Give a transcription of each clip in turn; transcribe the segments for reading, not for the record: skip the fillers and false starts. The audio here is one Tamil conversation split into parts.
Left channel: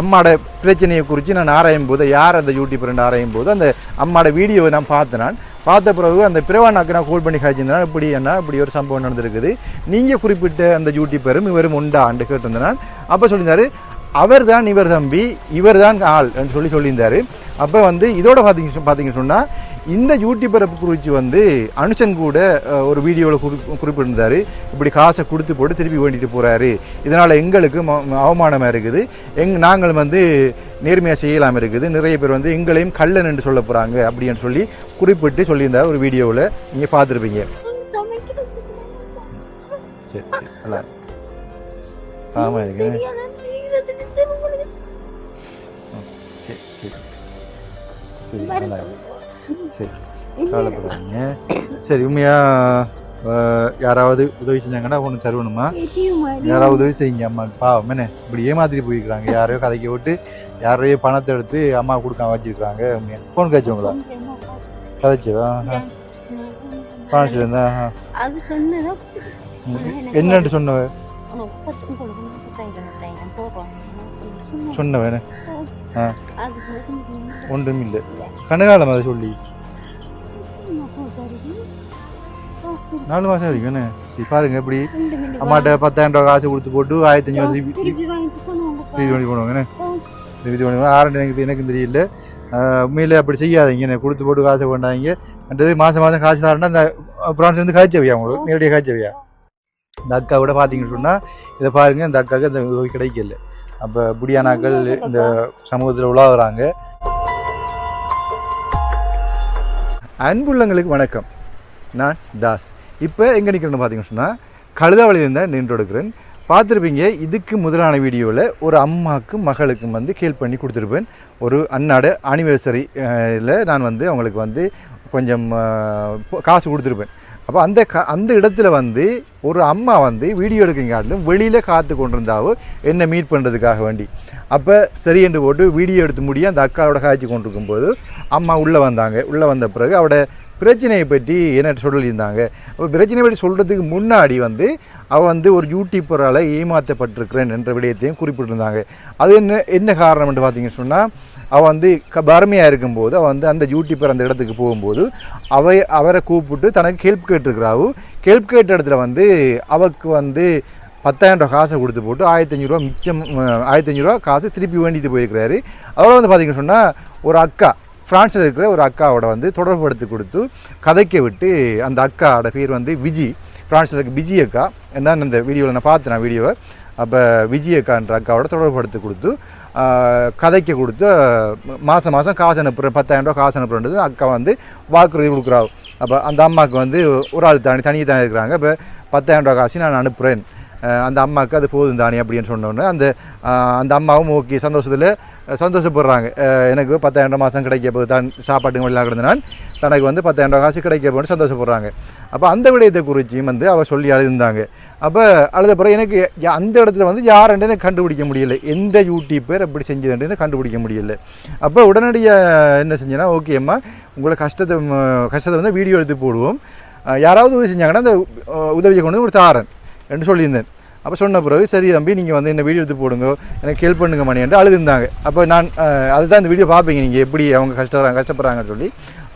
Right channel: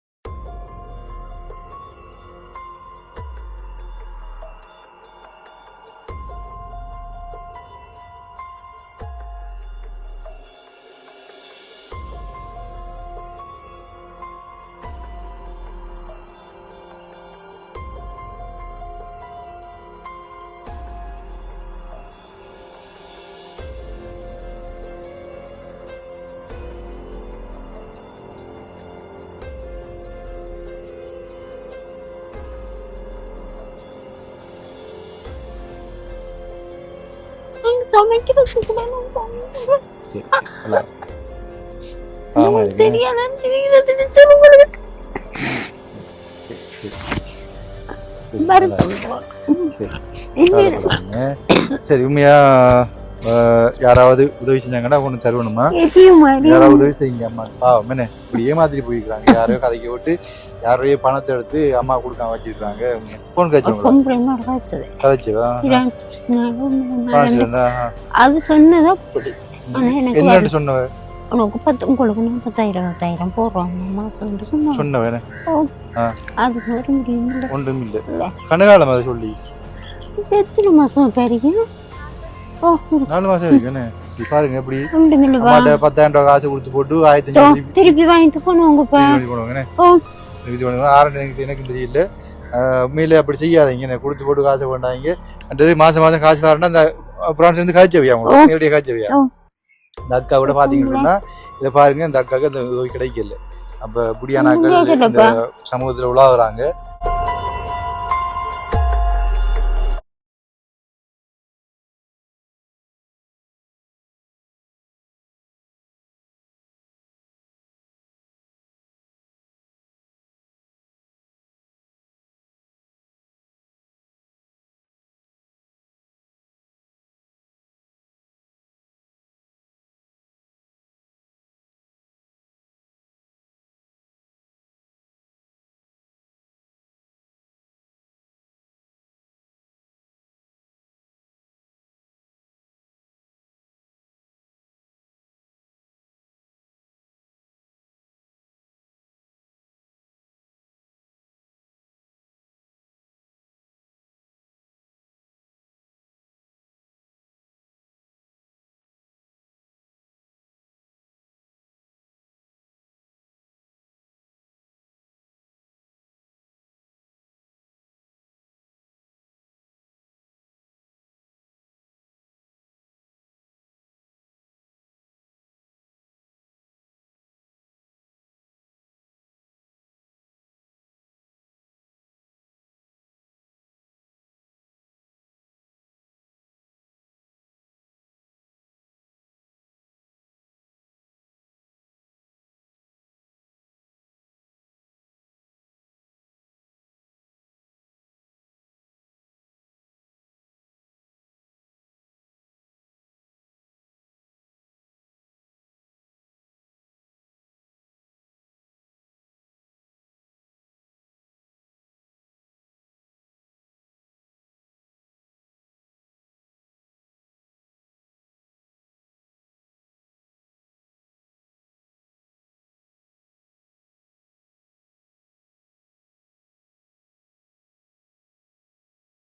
அம்மாவோட பிரச்சனையை குறித்து நான் ஆராயும் போது யார் அந்த யூடியூபர் ஆராயும் போது அந்த அம்மாவோட வீடியோவை நான் பார்த்த பிறகு அந்த பிரவானாக்கு நான் கால் பண்ணி காய்ச்சிருந்தேன் இப்படி ஒரு சம்பவம் நடந்திருக்குது, நீங்கள் குறிப்பிட்ட அந்த யூடியூபரும் இவரும் உண்டான்னு கேட்டிருந்தேன். அப்போ சொல்லியிருந்தாரு அவர் தான் இவர் தம்பி, இவர் தான் ஆள் சொல்லியிருந்தாரு. அப்போ இதோட பார்த்தீங்க சொன்னால் இந்த யூடியூபரை குறித்து அனுஷன் கூட ஒரு வீடியோவில் குறிப்பிட்டிருந்தார். இப்படி காசை கொடுத்து போட்டு திருப்பி வேண்டிட்டு போகிறாரு, இதனால் எங்களுக்கு அவமானமாக இருக்குது, நாங்கள் நேர்மையாக செய்யலாமல் இருக்குது, நிறைய பேர் எங்களையும் கள்ளன் என்று சொல்ல போகிறாங்க அப்படின்னு குறிப்பிட்டு சொல்லியிருந்தார் ஒரு வீடியோவில். நீங்கள் பார்த்துருப்பீங்க. சரி, உண்மையா யாராவது உதவி செஞ்சாங்கன்னா ஒன்று தருவணுமா? யாராவது உதவி செய்யுங்க அம்மா. பாவம் என்ன இப்படி ஏமாத்திரி போயிருக்காங்க, யாரையோ கதைக்க விட்டு யாரையோ பணத்தை எடுத்து அம்மா கொடுக்காம வச்சிருக்காங்க. போன் என்னன்னு சொன்ன உனக்கு 10,000 போடுறோம் சொன்னவேன் ஒன்றும் இல்லை. கனகாலம் அதை சொல்லி எத்தனை மாசம் பெரியும் 4 மாசம் வரைக்கும் பாருங்க. இப்படி 10,000 காசு கொடுத்து போட்டு 1,500 திருப்பி வாங்கிட்டு போனவங்க எனக்கு தெரியல. உண்மையில அப்படி செய்யாதீங்க, கொடுத்து போட்டு காசு கொண்டாங்க. மாசம் காசு தரேன்னா அந்த பிரான்ஸ்ல காய்ச்சவியா நேரடியாக காய்ச்சவியா. இந்த அக்கா கூட பாத்தீங்கன்னு சொன்னா இதை பாருங்க, இந்த அக்காவுக்கு அந்த உதவி கிடைக்கல. அப்ப புடியானாக்கள் இந்த சமூகத்துல உலாவுறாங்க. அன்புள்ளங்களுக்கு வணக்கம், நான் தாஸ். இப்போ எங்கே நிற்கிறேன்னு பார்த்தீங்கன்னு சொன்னால் கழுதாவளியில் இருந்தால் நின்று எடுக்கிறேன். பார்த்துருப்பீங்க, இதுக்கு முதலான வீடியோவில் ஒரு அம்மாவுக்கும் மகளுக்கும் கேள் பண்ணி கொடுத்துருப்பேன். ஒரு அன்னாட ஆனிவர்சரியில் நான் அவங்களுக்கு கொஞ்சம் காசு கொடுத்துருப்பேன். அப்போ அந்த இடத்துல ஒரு அம்மா வீடியோ எடுக்கிறங்காட்டிலும் வெளியில் காத்து கொண்டிருந்தாவோ என்னை மீட் பண்ணுறதுக்காக வேண்டி. அப்போ சரி என்று போட்டு வீடியோ எடுத்து முடிய அந்த அக்காவோட காய்ச்சி கொண்டிருக்கும்போது அம்மா உள்ளே வந்த பிறகு அவட பிரச்சனையை பற்றி என்ன சொல்லியிருந்தாங்க. அப்போ பிரச்சனையை பற்றி சொல்கிறதுக்கு முன்னாடி அவள் ஒரு யூடியூபரால் ஏமாற்றப்பட்டிருக்கிறேன் என்ற விடயத்தையும் குறிப்பிட்டிருந்தாங்க. அது என்ன காரணம்னு பார்த்தீங்கன்னு சொன்னால் அவள் வறுமையாக இருக்கும்போது அவள் அந்த யூடியூபர் அந்த இடத்துக்கு போகும்போது அவரை கூப்பிட்டு தனக்கு ஹெல்ப் கேட்டிருக்கிறாவு. ஹெல்ப் கேட்ட இடத்துல அவருக்கு 10,000 காசை கொடுத்து போட்டு 1,500 ரூபா மிச்சம் 1,500 ரூபா காசு திருப்பி வேண்டிட்டு போயிருக்கிறாரு. அவரை பார்த்தீங்கன்னு சொன்னால் ஒரு அக்கா ஃப்ரான்ஸில் இருக்கிற ஒரு அக்காவோட தொடர்புபடுத்தி கொடுத்து கதைக்க விட்டு அந்த அக்காவோட பேர் விஜி, ஃப்ரான்ஸில் இருக்க விஜி அக்கா. என்னன்னு அந்த வீடியோவில் நான் பார்த்தேன் வீடியோவை. அப்போ விஜி அக்கான்ற அக்காவோட தொடர்புபடுத்தி கொடுத்து கதைக்க கொடுத்து மாதம் காசு அனுப்புகிறேன், 10,000 ரூபா காசு அனுப்புறது அக்கா வாக்குறுதி கொடுக்குறாவு. அப்போ அந்த அம்மாவுக்கு ஒரு ஆள் தனியாக தான் இருக்கிறாங்க. இப்போ 10,000 ரூபா காசு நான் அனுப்புகிறேன், அந்த அம்மாவுக்கு அது போதும் தானே அப்படின்னு சொன்னோன்னே அந்த அம்மாவும் ஓகே சந்தோஷப்படுறாங்க. எனக்கு 10,000 மாதம் கிடைக்க போது தான் சாப்பாட்டுக்கு வழியாக கிடந்தனால் தனக்கு 10,000 காசு கிடைக்க போன்னு சந்தோஷப்படுறாங்க. அப்போ அந்த விடயத்தை குறிச்சியும் அவள் சொல்லி அழுந்தாங்க. அப்போ அழுத பிறகு எனக்கு அந்த இடத்துல யாருன்னு எனக்கு கண்டுபிடிக்க முடியலை, எந்த யூடியூபர் அப்படி செஞ்சதுன்னு கண்டுபிடிக்க முடியலை. அப்போ உடனடியாக என்ன செஞ்சேன்னா, ஓகே அம்மா உங்களை கஷ்டத்தை வீடியோ எடுத்து போடுவோம், யாராவது உதவி செஞ்சாங்கன்னா அந்த உதவியை கொண்டு ஒரு தாரன் என்று சொல்லியிருந்தேன். அப்போ சொன்ன பிறகு சரி தம்பி நீங்கள் என்ன வீடியோ எடுத்து போடுங்க, எனக்கு ஹெல்ப் பண்ணுங்க மணி என்று அழுதுந்தாங்க. அப்போ நான் அதுதான் இந்த வீடியோ பார்ப்பீங்க நீங்கள் எப்படி அவங்க கஷ்டப்படுறாங்கன்னு சொல்லி.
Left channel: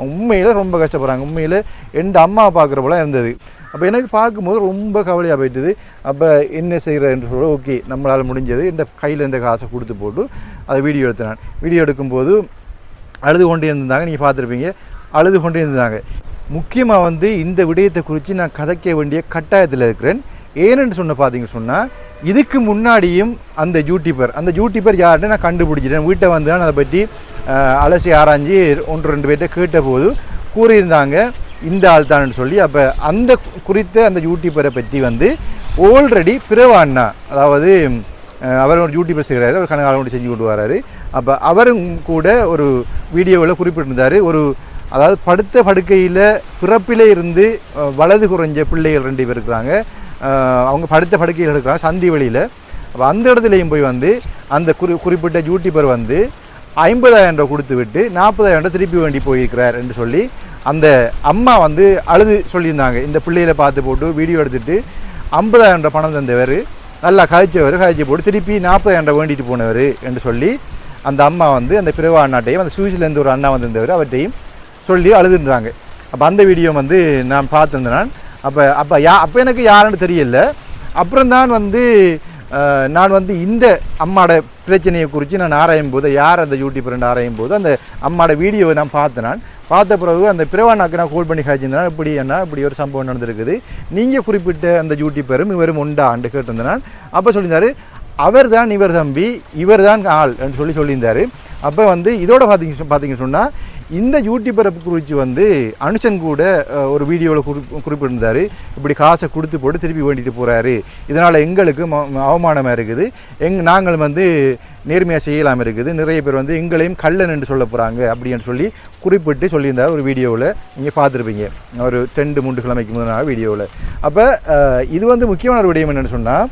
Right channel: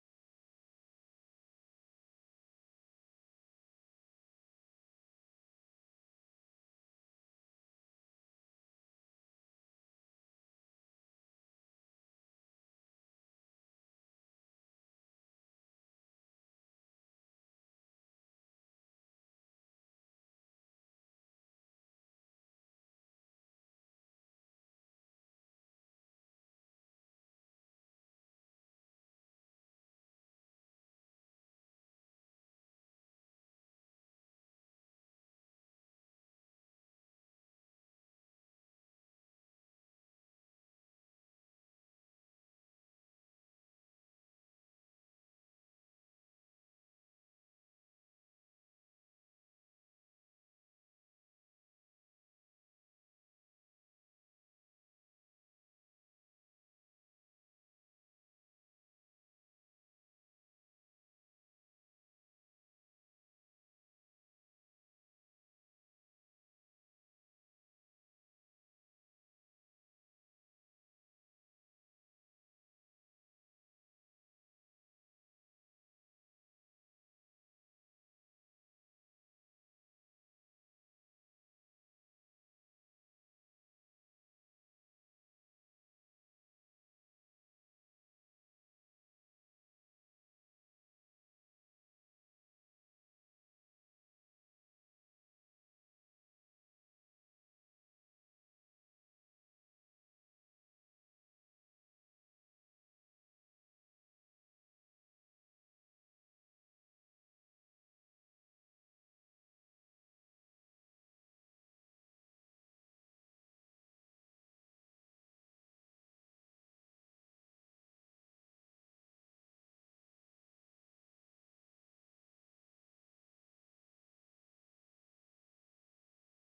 உண்மையில் ரொம்ப கஷ்டப்படுறாங்க. உண்மையில் எந்த அம்மா பார்க்குற போல இருந்தது. அப்போ எனக்கு பார்க்கும்போது ரொம்ப கவலையாக போயிட்டுது. அப்போ என்ன செய்கிறேன்னு சொல்ல ஓகே நம்மளால் முடிஞ்சது இந்த கையில் இருந்த காசை கொடுத்து போட்டு அதை வீடியோ எடுத்தேன். வீடியோ எடுக்கும்போது அழுது கொண்டே இருந்தாங்க, நீங்கள் பார்த்துருப்பீங்க, அழுது கொண்டே இருந்தாங்க. முக்கியமாக இந்த விடயத்தை குறித்து நான் கதைக்க வேண்டிய கட்டாயத்தில் இருக்கிறேன். ஏன்னு பார்த்தீங்கன்னு சொன்னால் இதுக்கு முன்னாடியும் அந்த யூடியூபர் யாருன்னு நான் கண்டுபிடிச்சிட்டேன். வீட்டை நான் அதை பற்றி அலசி ஆராய்ஞ்சி 1-2 பேர்கிட்ட கேட்ட போது கூறியிருந்தாங்க இந்த ஆள் தான்னு சொல்லி. அப்போ அந்த குறித்த அந்த யூடியூபரை பற்றி ஆல்ரெடி பிரவாண்ணா, அதாவது அவர் ஒரு யூடியூபர் செய்கிறாரு, அவர் கனகாலம் செஞ்சு கொண்டு வராரு. அப்போ அவரும் கூட ஒரு வீடியோவில் குறிப்பிட்டிருந்தார், அதாவது படுத்த படுக்கையில் பிறப்பிலே இருந்து வலது குறைஞ்ச பிள்ளைகள் 2 பேர் இருக்கிறாங்க. அவங்க படுத்த படுக்கையில் இருக்கிறாங்க சந்தி வழியில். அப்போ அந்த இடத்துலையும் போய் அந்த குறிப்பிட்ட யூடியூபர் 50,000 ரூபா கொடுத்து விட்டு 40,000 திருப்பி வேண்டி போயிருக்கிறார் என்று சொல்லி அந்த அம்மா அழுது சொல்லியிருந்தாங்க. இந்த பிள்ளைகளை பார்த்து போட்டு வீடியோ எடுத்துகிட்டு 50,000 பணம் தந்தவர் நல்லா காய்ச்சி போட்டு திருப்பி 40,000 வேண்டிட்டு போனவர் என்று சொல்லி அந்த அம்மா வந்து அந்த பிறவா அண்ணாட்டையும் அந்த சுவிஸ்லேருந்து ஒரு அண்ணா வந்திருந்தவர் அவர்கிட்டையும் சொல்லி அழுதுன்றாங்க. அப்போ அந்த வீடியோ வந்து நான் பார்த்துருந்தேன். நான் அப்போ எனக்கு யாருன்னு தெரியல. அப்புறம் தான் வந்து நான் வந்து இந்த அம்மாவோட பிரச்சனையை குறித்து நான் ஆராயும் போது யார் அந்த யூடியூபர் ஆராயும் போது அந்த அம்மாவோட வீடியோவை நான் பார்த்த பிறகு அந்த பிறவானாக்கு நான் கால் பண்ணி காய்ச்சிருந்தேன். இப்படி ஒரு சம்பவம் நடந்திருக்குது, நீங்கள் குறிப்பிட்ட அந்த யூடியூபரும் இவரும் உண்டான்னு கேட்டிருந்தேன் நான். அப்போ சொல்லியிருந்தாரு அவர் தான் இவர் தம்பி, இவர் தான் ஆள் என்று சொல்லியிருந்தார். அப்போ வந்து இதோட பார்த்தீங்கன்னு சொன்னால் இந்த யூடியூபரை குறித்து வந்து அனுஷன் கூட ஒரு வீடியோவில் குறிப்பிட்டிருந்தார். இப்படி காசை கொடுத்து போட்டு திருப்பி வேண்டிட்டு போகிறாரு, இதனால் எங்களுக்கு அவமானமாக இருக்குது, நாங்கள் வந்து நேர்மையாக செய்யலாமல் இருக்குது, நிறைய பேர் வந்து எங்களையும் கள்ளன் என்று சொல்ல போகிறாங்க அப்படின்னு சொல்லி குறிப்பிட்டு சொல்லியிருந்தார் ஒரு வீடியோவில். நீங்கள் பார்த்துருப்பீங்க ஒரு 2-3 கிழமைக்கு முதல் வீடியோவில். அப்போ இது வந்து முக்கியமான ஒரு விடயம் என்னென்னு சொன்னால்,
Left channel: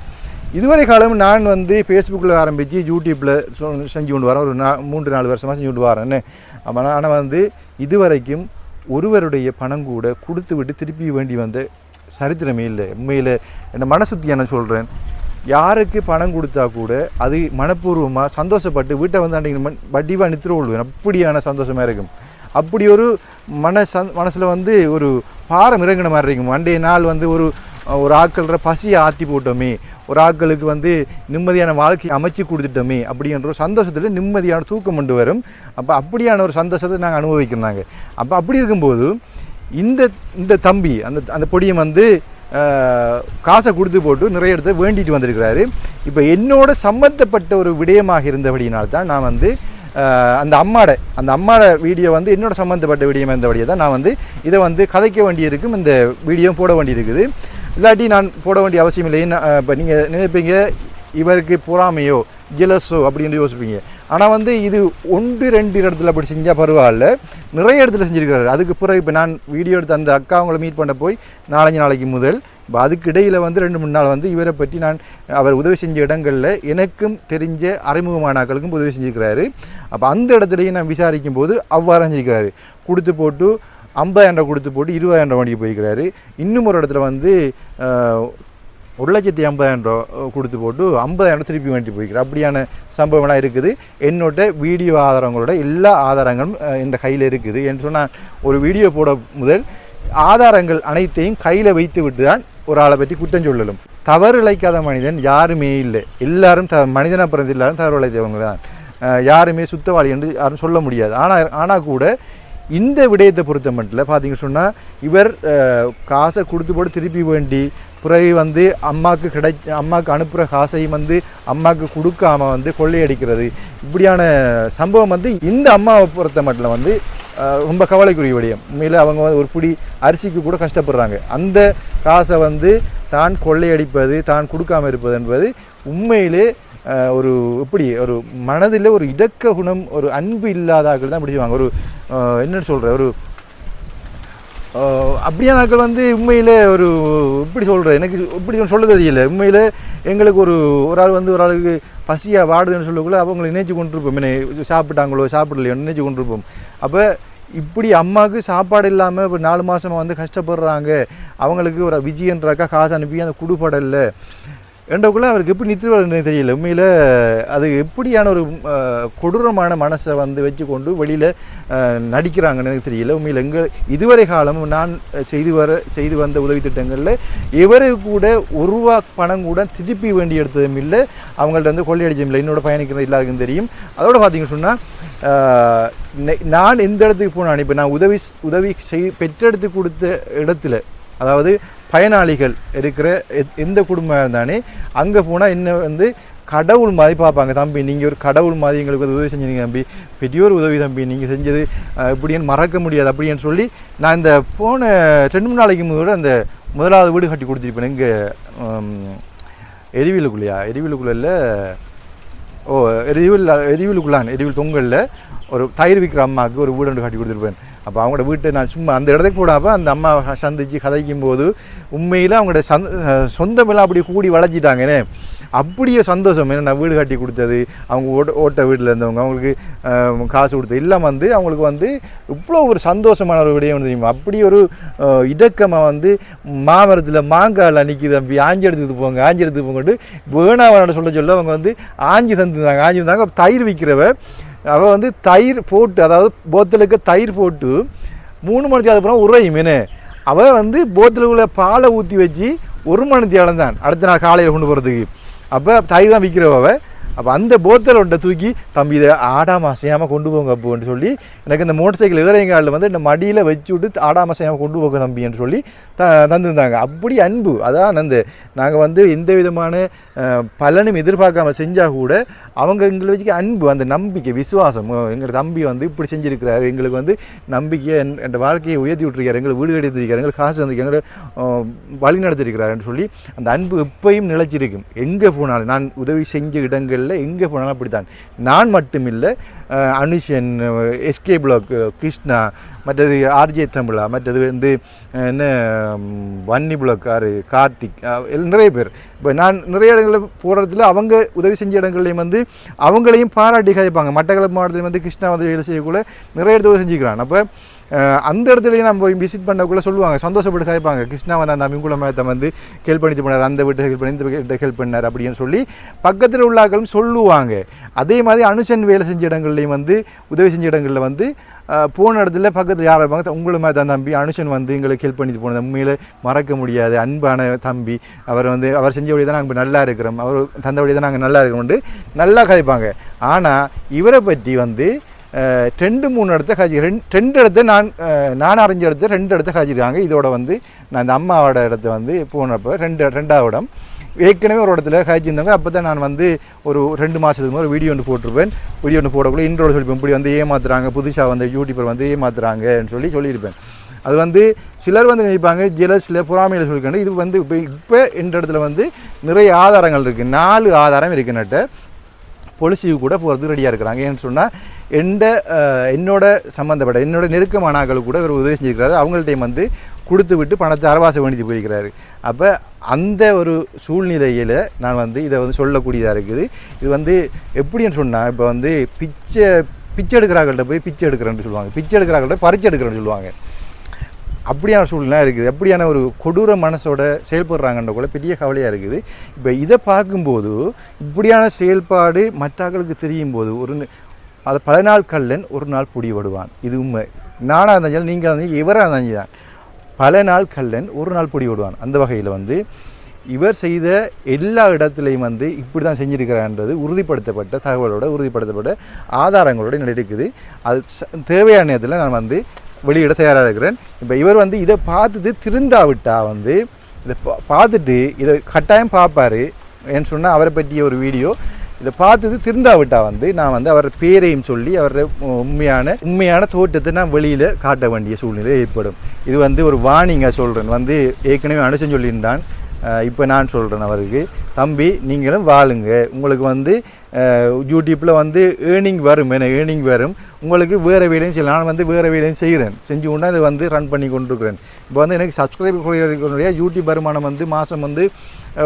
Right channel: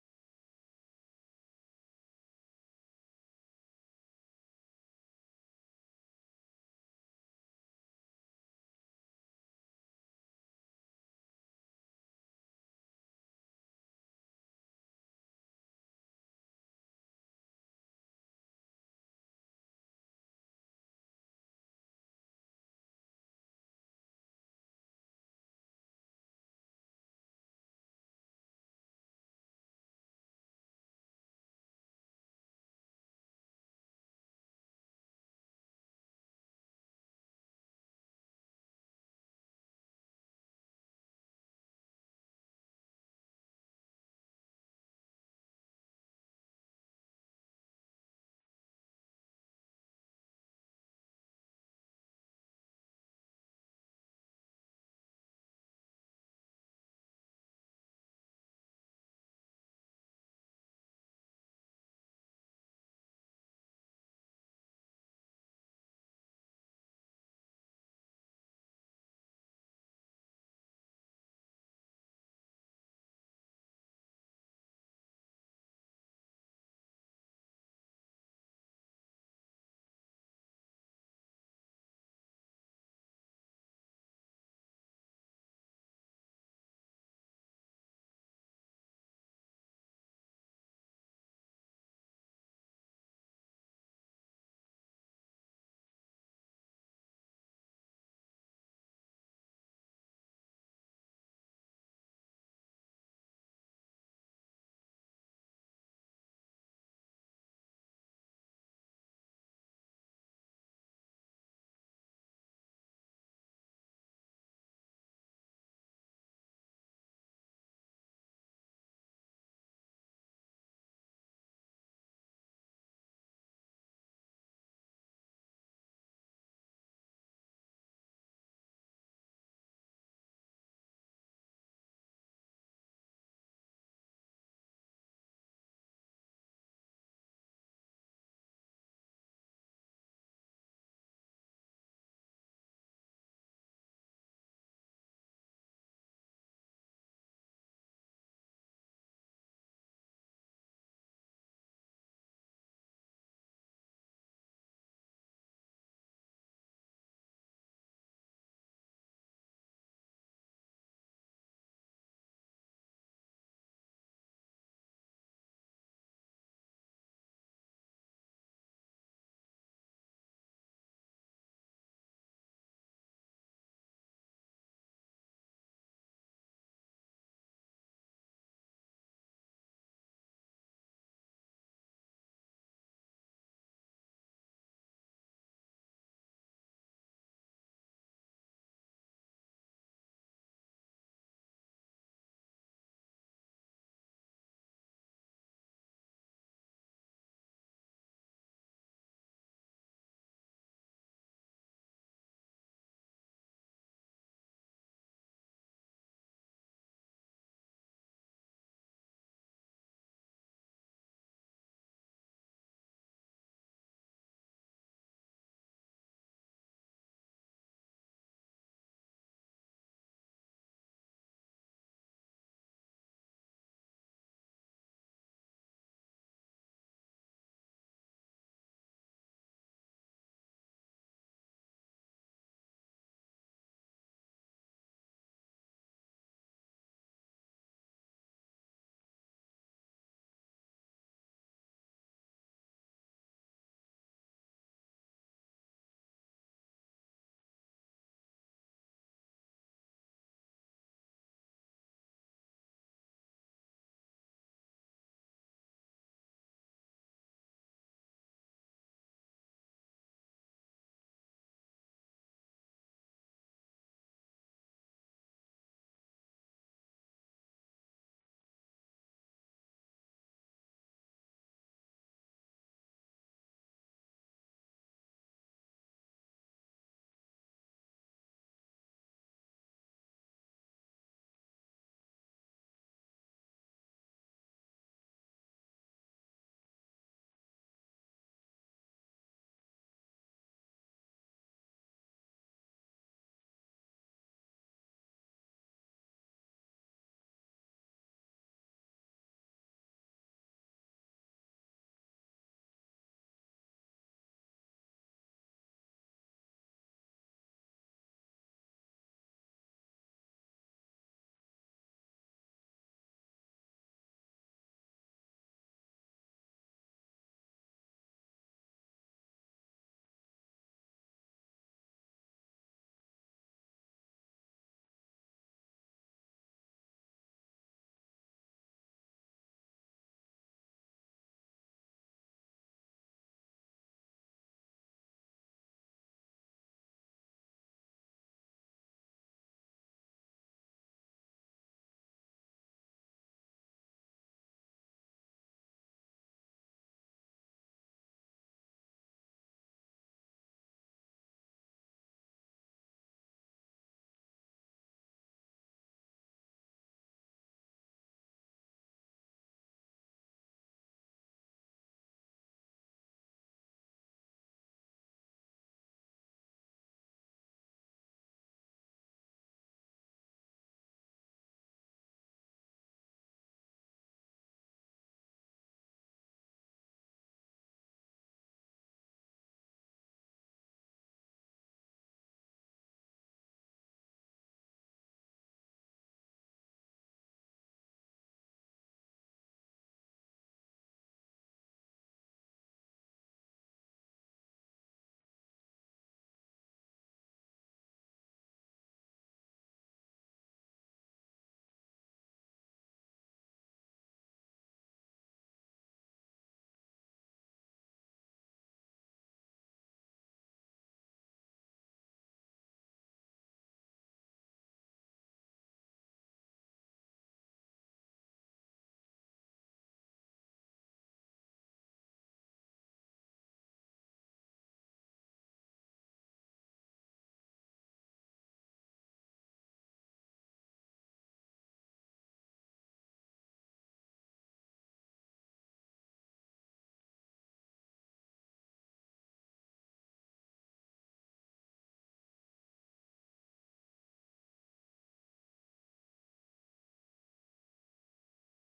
இதுவரை காலம் நான் வந்து ஃபேஸ்புக்கில் ஆரம்பித்து யூடியூப்பில் செஞ்சு கொண்டு வரேன், ஒரு 3-4 வருஷமாக செஞ்சு கொண்டு வரேன்னு. ஆனால் வந்து இதுவரைக்கும் ஒருவருடைய பணம் கூட கொடுத்து விட்டு திருப்பி வேண்டி வந்த சரித்திரமே இல்லை. உண்மையில் என்ன மனசுத்தி என்ன சொல்கிறேன், யாருக்கு பணம் கொடுத்தா கூட அது மனப்பூர்வமாக சந்தோஷப்பட்டு வீட்டை வந்து அன்றைக்கி வட்டிவாக நித்திர கொள்வேன், அப்படியான சந்தோஷமாக இருக்கும். அப்படி ஒரு மனசில் வந்து ஒரு பாரம் இறங்கின மாதிரி இருக்கும். அன்றைய நாள் வந்து ஒரு ஆட்கள பசியை ஆற்றி போட்டோமே, ஒரு ஆட்களுக்கு வந்து நிம்மதியான வாழ்க்கை அமைச்சு கொடுத்துட்டோமே அப்படின்ற ஒரு சந்தோஷத்தில் நிம்மதியான தூக்கம் கொண்டு வரும். அப்போ அப்படியான ஒரு சந்தோஷத்தை நாங்கள் அனுபவிக்கிறாங்க. அப்போ அப்படி இருக்கும்போது இந்த தம்பி அந்த பொடியை வந்து காசை கொடுத்து போட்டு நிறைய இடத்த வேண்டிட்டு வந்திருக்கிறாரு. இப்போ என்னோட சம்மந்தப்பட்ட ஒரு விடயமாக இருந்தபடியினால்தான் நான் வந்து அந்த அம்மாட வீடியோ வந்து என்னோட சம்மந்தப்பட்ட விடயம் இருந்தபடியே தான் நான் வந்து இதை வந்து கதைக்க வேண்டியிருக்கும், இந்த வீடியோ போட வேண்டியிருக்குது. இல்லாட்டி நான் போட வேண்டிய அவசியம் இல்லை. இப்போ நீங்கள் நினைப்பீங்க இவருக்கு பொறாமையோ ஜெலஸோ அப்படின்னு யோசிப்பீங்க. ஆனால் வந்து இது 1-2 இடத்துல அப்படி செஞ்சால் பரவாயில்ல, நிறைய இடத்துல செஞ்சுருக்கிறாரு. அதுக்கு பிறகு இப்போ நான் வீடியோ எடுத்து அந்த அக்கா அவங்கள மீட் பண்ண போய் 4 நாளைக்கு முதல் இப்போ அதுக்கு இடையில் வந்து 2-3 நாள் வந்து இவரை பற்றி நான் அவர் உதவி செஞ்ச இடங்களில் எனக்கும் தெரிஞ்ச அறிமுகமானாக்களுக்கும் உதவி செஞ்சுருக்கிறாரு. அப்போ அந்த இடத்துலையும் நான் விசாரிக்கும் போது அவ்வாறு செஞ்சுருக்கிறாரு. கொடுத்து போட்டு 50,000 கொடுத்து போட்டு 20,000 வண்டிக்கு போய்க்கிறாரு. இன்னும் ஒரு இடத்துல வந்து 1,50,000 கொடுத்து போட்டு 50,000 திருப்பி வேண்டி போய்க்கிறார். அப்படியான சம்பவம்லாம் இருக்குது. என்னோட வீடியோ ஆதாரங்களோட எல்லா ஆதாரங்களும் இந்த கையில் இருக்குது. என்று சொன்னால் ஒரு வீடியோ போட முதல் ஆதாரங்கள் அனைத்தையும் கையில் வைத்து விட்டு தான் ஒரு ஆளை பற்றி குற்றம் சொல்லலும். தவறு இழைக்காத மனிதன் யாருமே இல்லை. எல்லாரும் மனிதனாக பிறந்து எல்லாரும் தவறு இழைத்தவங்க தான். யாருமே சுத்தவாளி என்று யாரும் சொல்ல முடியாது. ஆனால் கூட இந்த விடயத்தை பொறுத்த மட்டும் பார்த்தீங்கன்னு சொன்னால் இவர் காசை கொடுத்து போட்டு திருப்பி வேண்டி பிறகு வந்து அம்மாவுக்கு அனுப்புகிற காசையும் வந்து அம்மாவுக்கு கொடுக்காமல் வந்து கொள்ளையடிக்கிறது, இப்படியான சம்பவம் வந்து இந்த அம்மாவை பொறுத்த மட்டும் வந்து ரொம்ப கவலைக்குரிய விடயம். உண்மையில் அவங்க ஒரு பிடி அரிசிக்கு கூட கஷ்டப்படுறாங்க. அந்த காசை வந்து தான் கொள்ளையடிப்பது, தான் கொடுக்காமல் இருப்பது என்பது உண்மையிலே ஒரு எப்படி ஒரு மனதில் ஒரு இடக்க குணம், ஒரு அன்பு இல்லாதாக்கள் தான் பிடிச்சுவாங்க. ஒரு என்னென்னு சொல்கிற ஒரு அப்படியான ஆக்கள் வந்து உண்மையில் ஒரு இப்படி சொல்கிறேன், எனக்கு இப்படி சொல்ல தெரியல. உண்மையில் எங்களுக்கு ஒரு ஆள் வந்து ஒரு ஆளுக்கு பசியாக வாடுதுன்னு சொல்லக்குள்ள அவங்களை நினைச்சு கொண்டிருப்போம், என்ன சாப்பிட்டாங்களோ சாப்பிடலையோ நினைச்சு கொண்டிருப்போம். அப்போ இப்படி அம்மாவுக்கு சாப்பாடு இல்லாமல் இப்போ 4 மாதமாக வந்து கஷ்டப்படுறாங்க, அவங்களுக்கு ஒரு விஜயன்றாக்கா காசு அனுப்பி அந்த குடுபடலை என்றக்குள்ளே அவருக்கு எப்படி நிறுத்துவதுன்னு தெரியல. உண்மையில் அது எப்படியான ஒரு கொடூரமான மனசை வந்து வச்சு கொண்டு வெளியில் நடிக்கிறாங்கன்னு எனக்கு தெரியல. உண்மையில் இதுவரை காலமும் நான் செய்து வந்த உதவி திட்டங்களில் இவரை கூட ₹1 பணம் கூட திருப்பி வேண்டி எடுத்ததும் இல்லை, அவங்கள்ட்ட வந்து கொள்ளையடிச்சதும் இல்லை. என்னோட பயணிக்கிற எல்லாருக்கும் தெரியும். அதோட பார்த்தீங்கன்னு சொன்னால் நான் எந்த இடத்துக்கு போனான், இப்போ நான் உதவி பெற்றெடுத்து கொடுத்த இடத்துல, அதாவது பயனாளிகள் இருக்கிற எந்த குடும்பம் இருந்தானே அங்கே போனால் என்ன வந்து கடவுள் மாதிரி பார்ப்பாங்க. தம்பி நீங்கள் ஒரு கடவுள் மாதிரி எங்களுக்கு உதவி செஞ்சீங்க தம்பி, பெரியோர் உதவி தம்பி, நீங்கள் செஞ்சது இப்படின்னு மறக்க முடியாது அப்படின்னு சொல்லி நான் இந்த போன 2-3 நாளைக்கு முதல்ல அந்த முதலாவது வீடு கட்டி கொடுத்துருப்பேன். இங்கே எரிவிலுக்குள்ளே எரிவில் தொங்கலில் ஒரு தயிர் விற்கிற அம்மாவுக்கு ஒரு வீடு கட்டி கொடுத்துருப்பேன். அப்போ அவங்களோட வீட்டை நான் சும்மா அந்த இடத்துக்கு போடாமல் அந்த அம்மா சந்திச்சு கதைக்கும் போது உண்மையில் அவங்களோட சொந்தமெல்லாம் அப்படி கூடி வளைச்சிட்டாங்கன்னே. அப்படியே சந்தோஷம். ஏன்னா நான் வீடு கட்டி கொடுத்தது, அவங்க ஓட்ட வீட்டில் இருந்தவங்க, அவங்களுக்கு காசு கொடுத்தது எல்லாம் வந்து அவங்களுக்கு வந்து இவ்வளோ ஒரு சந்தோஷமான ஒரு விடயம் தெரியுமா. அப்படி ஒரு இடக்கமாக வந்து மாமரத்தில் மாங்காயில் நிற்கிது, தம்பி ஆஞ்சி எடுத்துட்டு போங்கட்டு வேணாவன சொல்ல அவங்க வந்து ஆஞ்சி தந்தாங்க. தயிர் விற்கிறவ அவள் வந்து தயிர் போட்டு, அதாவது போத்தலுக்கு தயிர் போட்டு 3 மணி அதுக்கப்புறம் உரையும் என்ன, அவள் வந்து போத்தலுக்குள்ள பாலை ஊற்றி வச்சு 1 மணி தேவலம் தான் அடுத்த நாள் காலையில் கொண்டு போகிறதுக்கு. அப்போ தயிர் தான் விற்கிறவ. அப்போ அந்த போத்தலை ஒன்றை தூக்கி, தம்பி இதை ஆடாமல் அசையாமல் கொண்டு போங்க அப்போன்னு சொல்லி, எனக்கு இந்த மோட்டர் சைக்கிள் இறங்காலில் வந்து இந்த மடியில் வச்சு விட்டு ஆடாமல் அசையாமல் கொண்டு போங்க தம்பின்னு சொல்லி தந்துருந்தாங்க. அப்படி அன்பு. அதான் அந்த நாங்கள் வந்து எந்த விதமான பலனும் எதிர்பார்க்காம செஞ்சால் கூட அவங்க எங்களை வச்சுக்க அன்பு, அந்த நம்பிக்கை, விசுவாசம். எங்கள் தம்பி வந்து இப்படி செஞ்சுருக்கிறாரு, எங்களுக்கு வந்து நம்பிக்கையை என் வாழ்க்கையை உயர்த்தி விட்டுருக்காரு, எங்களுக்கு வீடு கட்டியிருக்காரு, எங்களுக்கு காசு வந்து எங்களை வழி நடத்திருக்கிறாருன்னு சொல்லி அந்த அன்பு எப்பயும் நிலைச்சிருக்கும். எங்கே போனாலும் நான் உதவி செஞ்ச இடங்களில் எங்கே போனாலும் அப்படித்தான். நான் மட்டும் இல்லை, அனுஷன், எஸ்கே பிளாக், கிருஷ்ணா, மற்றது ஆர்ஜே தமிழா, மற்றது வந்து என்ன வன்னி பிளாக், கார்த்திக், நிறைய பேர். இப்போ நான் நிறைய இடங்களில் போகிறதுல அவங்க உதவி செஞ்ச இடங்கள்லையும் வந்து அவங்களையும் பாராட்டி கதைப்பாங்க. மட்டக்களப்பு மாவட்டத்தில் வந்து கிருஷ்ணா வந்து வேலை செய்யக்குள்ள நிறைய இடத்துல உதவி செஞ்சுக்கிறான். அப்போ அந்த இடத்துலையும் நம்ம விசிட் பண்ணக்குள்ளே சொல்லுவாங்க, சந்தோஷப்பட்டு கதைப்பாங்க. கிருஷ்ணா வந்து அந்த அமிங்குள மேத்தை வந்து ஹெல்ப் பண்ணிட்டு போனார், அந்த வீட்டை ஹெல்ப் பண்ணி இந்த வீட்டை ஹெல்ப் பண்ணார் அப்படின்னு சொல்லி பக்கத்தில் உள்ளாக்களும் சொல்லுவாங்க. அதே மாதிரி அனுஷன் வேலை செஞ்ச இடங்கள்லையும் வந்து உதவி செஞ்ச இடங்களில் வந்து போன இடத்துல பக்கத்தில் யார் இருப்பாங்க, உங்களை மாதிரி தான் தம்பி அனுஷன் வந்து எங்களுக்கு ஹெல்ப் பண்ணிட்டு போனது உண்மையில் மறக்க முடியாது அன்பான தம்பி, அவர் செஞ்ச வழி தான் நாங்கள் நல்லா இருக்கிறோம், அவர் தந்த வழி தான் நாங்கள் நல்லா இருக்கிறோம்ட்டு நல்லா கதைப்பாங்க. ஆனால் இவரை பற்றி வந்து 2-3 இடத்த காய்ச்சி 2 இடத்த நான் அறிஞ்ச இடத்த 2 இடத்த காய்ச்சிருக்காங்க. இதோட வந்து நான் இந்த அம்மாவோட இடத்த வந்து போனப்போ 2ஆவது இடம் ஏற்கனவே ஒரு இடத்துல காய்ச்சிருந்தாங்க. அப்போ தான் நான் வந்து ஒரு 2 மாதத்துக்கு ஒரு வீடியோ ஒன்று போட்டிருப்பேன். வீடியோ ஒன்று போடக்குள்ள இன்ட்ரோட சொல்லிப்பேன், இப்படி வந்து ஏமாத்துறாங்க, புதுசாக வந்து யூடியூபர் வந்து ஏமாத்துறாங்கன்னு சொல்லியிருப்பேன். அது வந்து சிலர் வந்து நினைப்பாங்க ஜெலஸில் பொறாமையில் சொல்லிக்கணும். இது வந்து இப்போ இந்த இடத்துல வந்து நிறைய ஆதாரங்கள் இருக்குது. 4 ஆதாரம் இருக்குன்னுட்டு பொலிசிவு கூட போகிறது ரெடியாக இருக்கிறாங்க. ஏன்னு சொன்னால் என்னோட சம்மந்தப்பட்ட என்னோட நெருக்கமான ஆட்கள் கூட இவர் உதவி செஞ்சுருக்கிறாரு. அவங்கள்ட்டையும் வந்து கொடுத்து விட்டு பணத்தை அரவாசம் வேண்டிட்டு போயிருக்கிறாரு. அப்போ அந்த ஒரு சூழ்நிலையில் நான் வந்து இதை வந்து சொல்லக்கூடியதாக இருக்குது. இது வந்து எப்படின்னு சொன்னால், இப்போ வந்து பிச்சை எடுக்கிறாங்கள்ட்ட போய் பிச்சை எடுக்கிறேன்னு சொல்லுவாங்க, பிச்சை எடுக்கிறாங்கள்ட்ட பறிச்சு எடுக்கிறேன்னு சொல்லுவாங்க. அப்படியான சூழ்நிலை இருக்குது. அப்படியான ஒரு கொடூர மனசோட செயல்படுறாங்கன்ற கூட பெரிய கவலையாக இருக்குது. இப்போ இதை பார்க்கும்போது இப்படியான செயல்பாடு மற்றவர்களுக்கு தெரியும் போது அது பல நாள் கல்லன் ஒரு நாள் பிடிபடுவான். இது உண்மை. நானாக இருந்தாலும் நீங்கள் வந்து இவராக இருந்தாங்க தான், பல நாள் கல்லன் ஒரு நாள் பிடிபடுவான். அந்த வகையில் வந்து இவர் செய்த எல்லா இடத்துலையும் வந்து இப்படி தான் செஞ்சுருக்கிறான்றது உறுதிப்படுத்தப்பட்ட தகவலோட உறுதிப்படுத்தப்பட்ட ஆதாரங்களோடு நடக்குது. அது தேவையான நேரத்தில் நான் வந்து வெளியிட தயாராக இருக்கிறேன். இப்போ இவர் வந்து இதை பார்த்துட்டு திருந்தாவிட்டா வந்து இதை பார்த்துட்டு இதை கட்டாயம் பார்ப்பார். ஏன்னு சொன்னால் அவரை பற்றிய ஒரு வீடியோ இதை பார்த்துட்டு திருந்தாவிட்டா வந்து நான் வந்து அவர் பேரையும் சொல்லி அவரோட உண்மையான தோட்டத்தை நான் வெளியில் காட்ட வேண்டிய சூழ்நிலை ஏற்படும். இது வந்து ஒரு வார்னிங்காக சொல்கிறேன். வந்து ஏற்கனவே அனுசன் சொல்லியிருந்தான், இப்போ நான் சொல்கிறேன் அவருக்கு, தம்பி நீங்களும் வாழுங்க, உங்களுக்கு வந்து யூடியூப்பில் வந்து ஏர்னிங் வரும், ஏர்னிங் வரும், உங்களுக்கு வேறு வேலையும் செய்யலாம். நான் வந்து வேறு வேலையும் செய்கிறேன், செஞ்சு கொண்டு அதை வந்து ரன் பண்ணி கொண்டிருக்கிறேன். இப்போ வந்து எனக்கு சப்ஸ்கிரைபர் யூடியூப் வருமானம் வந்து மாதம் வந்து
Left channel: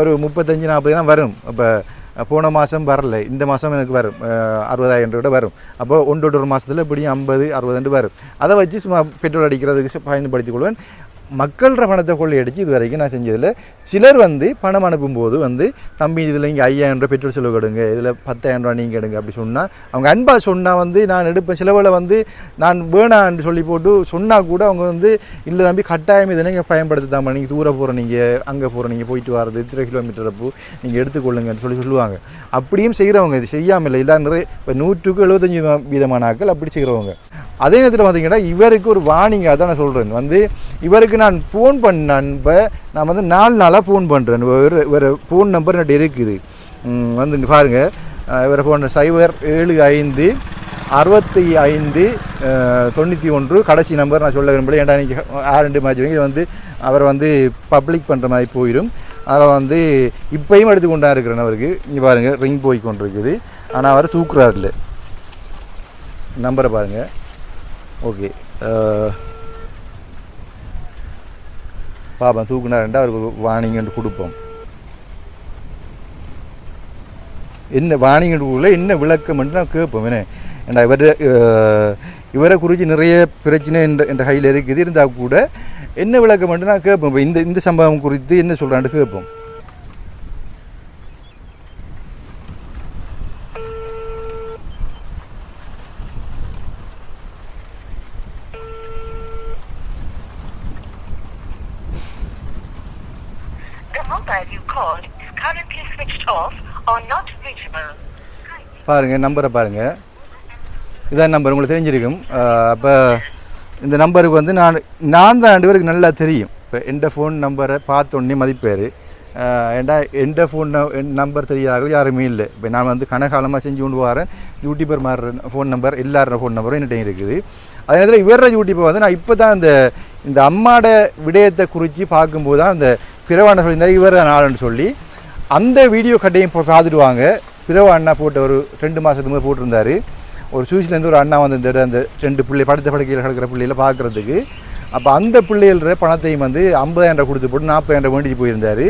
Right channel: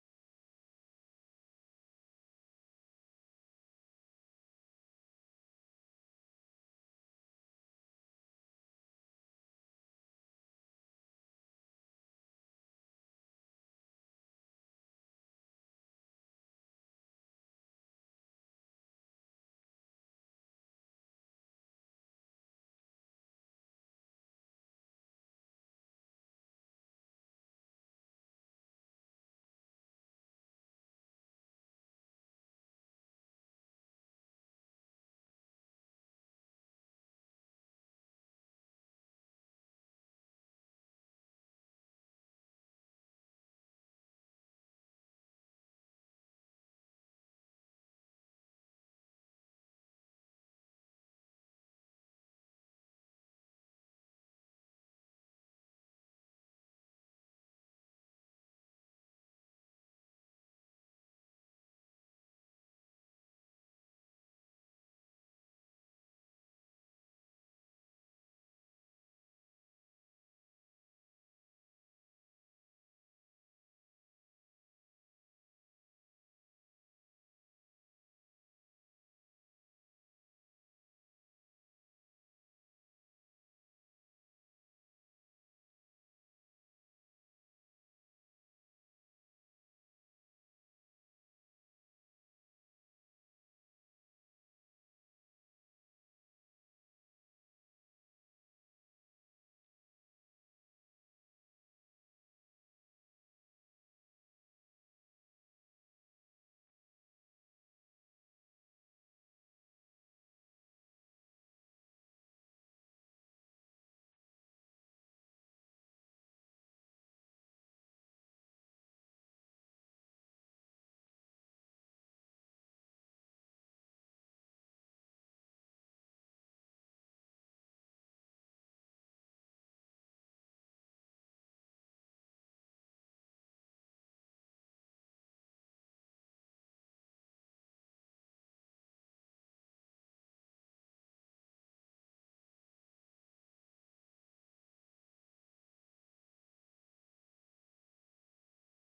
ஒரு 35-40 தான் வரும். இப்போ போன மாதம் வரல, இந்த மாதம் எனக்கு வரும் 60,000 ரூபா வரும். அப்போ 1 மாதத்தில் இப்படியும் 50-60 வரும். அதை வச்சு சும்மா பெட்ரோல் அடிக்கிறதுக்கு பயன்படுத்திக் கொள்வேன். மக்களோட பணத்தை கொள்ளையடிச்சு இது வரைக்கும் நான் செஞ்சதில்லை. சிலர் வந்து பணம் அனுப்பும்போது வந்து தம்பி இதில் இங்கே 5,000 ரூபா பெட்ரோல் செலவு எடுங்க, இதில் 10,000 ரூபா நீங்கள் எடுங்க அப்படி சொன்னால் அவங்க அன்பாக சொன்னால் வந்து நான் எடுப்பேன். சிலவில் வந்து நான் வேணான்னு சொல்லி போட்டு சொன்னால் கூட அவங்க வந்து இல்லை தம்பி கட்டாயம் இதை நீங்கள் பயன்படுத்தாமல், நீங்கள் தூர போகிற, நீங்கள் அங்கே போகிற, நீங்கள் போயிட்டு வர்றது 3 கிலோமீட்டர் அப்போ நீங்கள் எடுத்துக்கொள்ளுங்கன்னு சொல்லுவாங்க. அப்படியும் செய்கிறவங்க, இது செய்யாமல் இல்லை, இல்லை நிறைய இப்போ 100-75% ஆட்கள் அப்படி செய்கிறவங்க. அதே நேரத்தில் பார்த்தீங்கன்னா இவருக்கு ஒரு வார்னிங்காக தான் நான் சொல்கிறேன். வந்து இவருக்கு நான் ஃபோன் பண்ணேன். இப்போ நான் வந்து 4 நாளாக ஃபோன் பண்ணுறேன். ஒரு ஃபோன் நம்பர் என்கிட்ட இருக்குது. வந்து இங்கே பாருங்கள், இவரை ஃபோன் 0756591 கடைசி நம்பர் நான் சொல்ல விரும்பல. ஏன்டா நீங்கள் 6 மேட்ச் இதை வந்து அவரை வந்து பப்ளிக் பண்ணுற மாதிரி போயிடும். அதில் வந்து இப்பையும் எடுத்து கொண்டா இருக்கிறேன். அவருக்கு இங்கே பாருங்கள் ரிங் போய் கொண்டிருக்குது, ஆனால் அவர் தூக்குறாரு இல்லை. நம்பரை பாருங்கள். ஓகே, பாப்பா தூக்குனாருண்டா அவருக்கு வார்னிங் கொடுப்போம். என்ன வாணிகூரில் என்ன விளக்கம் என்று நான் கேட்போம் என்ன ஏன்னா இவரை குறித்து நிறைய பிரச்சனை என்ற கையில் இருக்குது இருந்தால் கூட என்ன விளக்கம் என்று நான் கேட்போம். இப்போ இந்த சம்பவம் குறித்து என்ன சொல்கிறான்னு கேட்போம். பாருங்கள் நம்பரை பாருங்கள், இதான் நம்பர் உங்களுக்கு தெரிஞ்சிருக்கும். அப்போ இந்த நம்பருக்கு வந்து நான் தான் 2 பேருக்கு நல்லா தெரியும். இப்போ எந்த ஃபோன் நம்பரை பார்த்தோன்னே மதிப்பேர். ஏண்டா எந்த ஃபோன் நம்பர் தெரியாத யாருமே இல்லை. இப்போ நான் வந்து கனகாலமாக செஞ்சு கொண்டு வரேன். யூடியூபர் மாறுற ஃபோன் நம்பர் எல்லாரோட ஃபோன் நம்பரும் என்னிட்ட இருக்குது. அதே நேரத்தில் இவர யூடியூப்பை வந்து நான் இப்போ தான் இந்த அம்மாட விடயத்தை குறித்து பார்க்கும்போது தான் அந்த பிறவான சொல்லியிருந்தார் இவர் தான் ஆளுன்னு சொல்லி அந்த வீடியோ கட்டையும் பார்த்துடுவாங்க. பிறவா அண்ணா போட்ட ஒரு 2 மாதத்துக்கு முதல் போட்டிருந்தார். ஒரு சூசிலேருந்து ஒரு அண்ணா வந்து அந்த 2 பிள்ளை படுத்த படுக்கையில் கிடக்கிற பிள்ளைகளை பார்க்குறதுக்கு. அப்போ அந்த பிள்ளைகள பணத்தையும் வந்து 50,000 கொடுத்து போட்டு 40,000 வேண்டிச்சு போயிருந்தார்.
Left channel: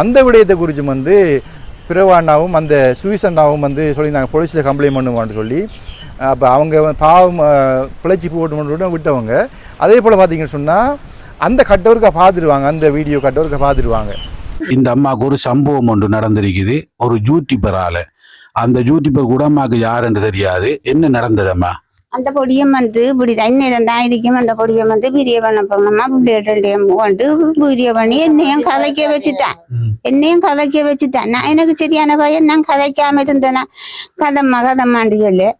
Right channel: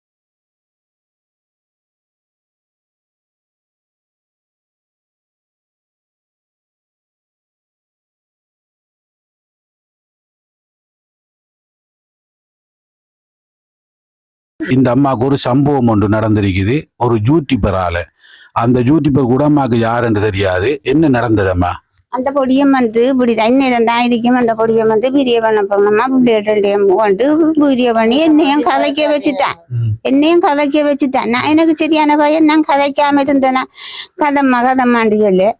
அந்த விடயத்தை குறித்து வந்து பிறவா அண்ணாவும் அந்த சுவிஸ் அண்ணாவும் வந்து சொல்லியிருந்தாங்க போலீஸில் கம்ப்ளைண்ட் பண்ணுவான்னு சொல்லி. அப்போ அவங்க பாவம் பிழைச்சி போட்டு விட்டவங்க. அதே போல் பார்த்தீங்கன்னு சொன்னால் அந்த கட்டவருக்கா பார்த்துடுவாங்க, அந்த வீடியோ கட்டவருக்கா பார்த்துடுவாங்க. இந்த அம்மாவுக்கு ஒரு சம்பவம் ஒன்று நடந்திருக்குது. ஒரு யூடியூபரால, அந்த யூடியூபர் கூட அம்மாவுக்கு யாருன்னு தெரியாது. என்ன நடந்ததம்மா? அந்த பொடியம் வந்து இப்படிதான் இந்நேரம் தான் இருக்கும். அந்த பொடியம் வந்து பிரிய பண்ண போனோமா பிள்ளைகிட்டையும் கொண்டு பிரிய பண்ணி என்னையும் கதைக்க வச்சுட்டான். நான் எனக்கு சரியான பையன், நான் கதைக்காம இருந்தேனா கதம்மாண்டு சொல்லு.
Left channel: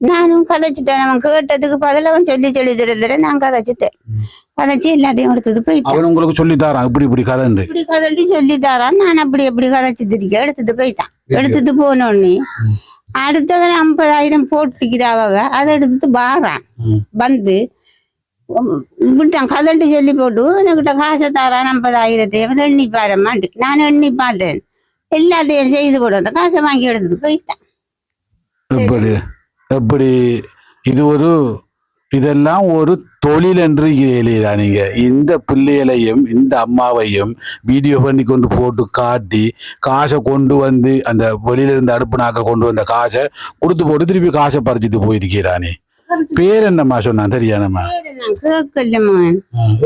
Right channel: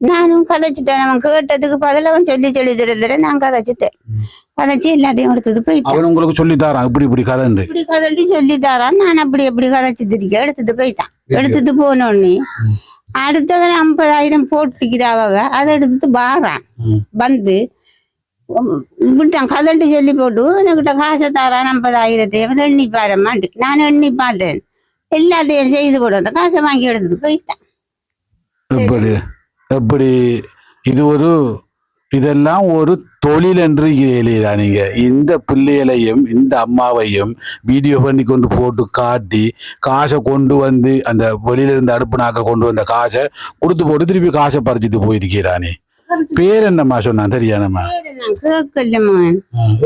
நானும் கதைச்சிட்டேன். அவன் கேட்டதுக்கு பதில் அவன் சொல்லி தர நான் கதைச்சிட்டேன். கதைச்சி எல்லாத்தையும் எடுத்தது போயிட்டான். அவன் உங்களுக்கு சொல்லி தரான் இப்படி கதை சொல்லி தரான். நான் எப்படி கதைச்சு திரிக்க எடுத்துட்டு போயிட்டான். எடுத்துட்டு போனோடனே அடுத்தது 50,000 போட்டுக்கிறாவ. அதை எடுத்துட்டு வாரான். வந்து இப்படித்தான் கதண்டு சொல்லி போட்டு என்கிட்ட காசை தாரான் 50,000 எண்ணி பாருமாண்டு. நான் எண்ணி பார்த்தேன். எல்லாத்தையும் செய்து போட்டு அந்த காசை வாங்கி எடுத்துட்டு போயிட்டான். எப்படி இதெல்லாம் ஒரு தொழில் என்று இல்லையா? நீங்க இந்த பிள்ளைகளையும் இந்த அம்மாவையும் வீடியோ பண்ணி கொண்டு போட்டு காட்டி காசை கொண்டு வந்து அந்த வெளியில இருந்து அடுப்பு நாக்கள் கொண்டு வந்த காசை கொடுத்து போட்டு திருப்பி காசை பறிச்சுட்டு போயிருக்கிறானே. பேர் என்னம்மா சொன்னான் தெரியாதம்மா?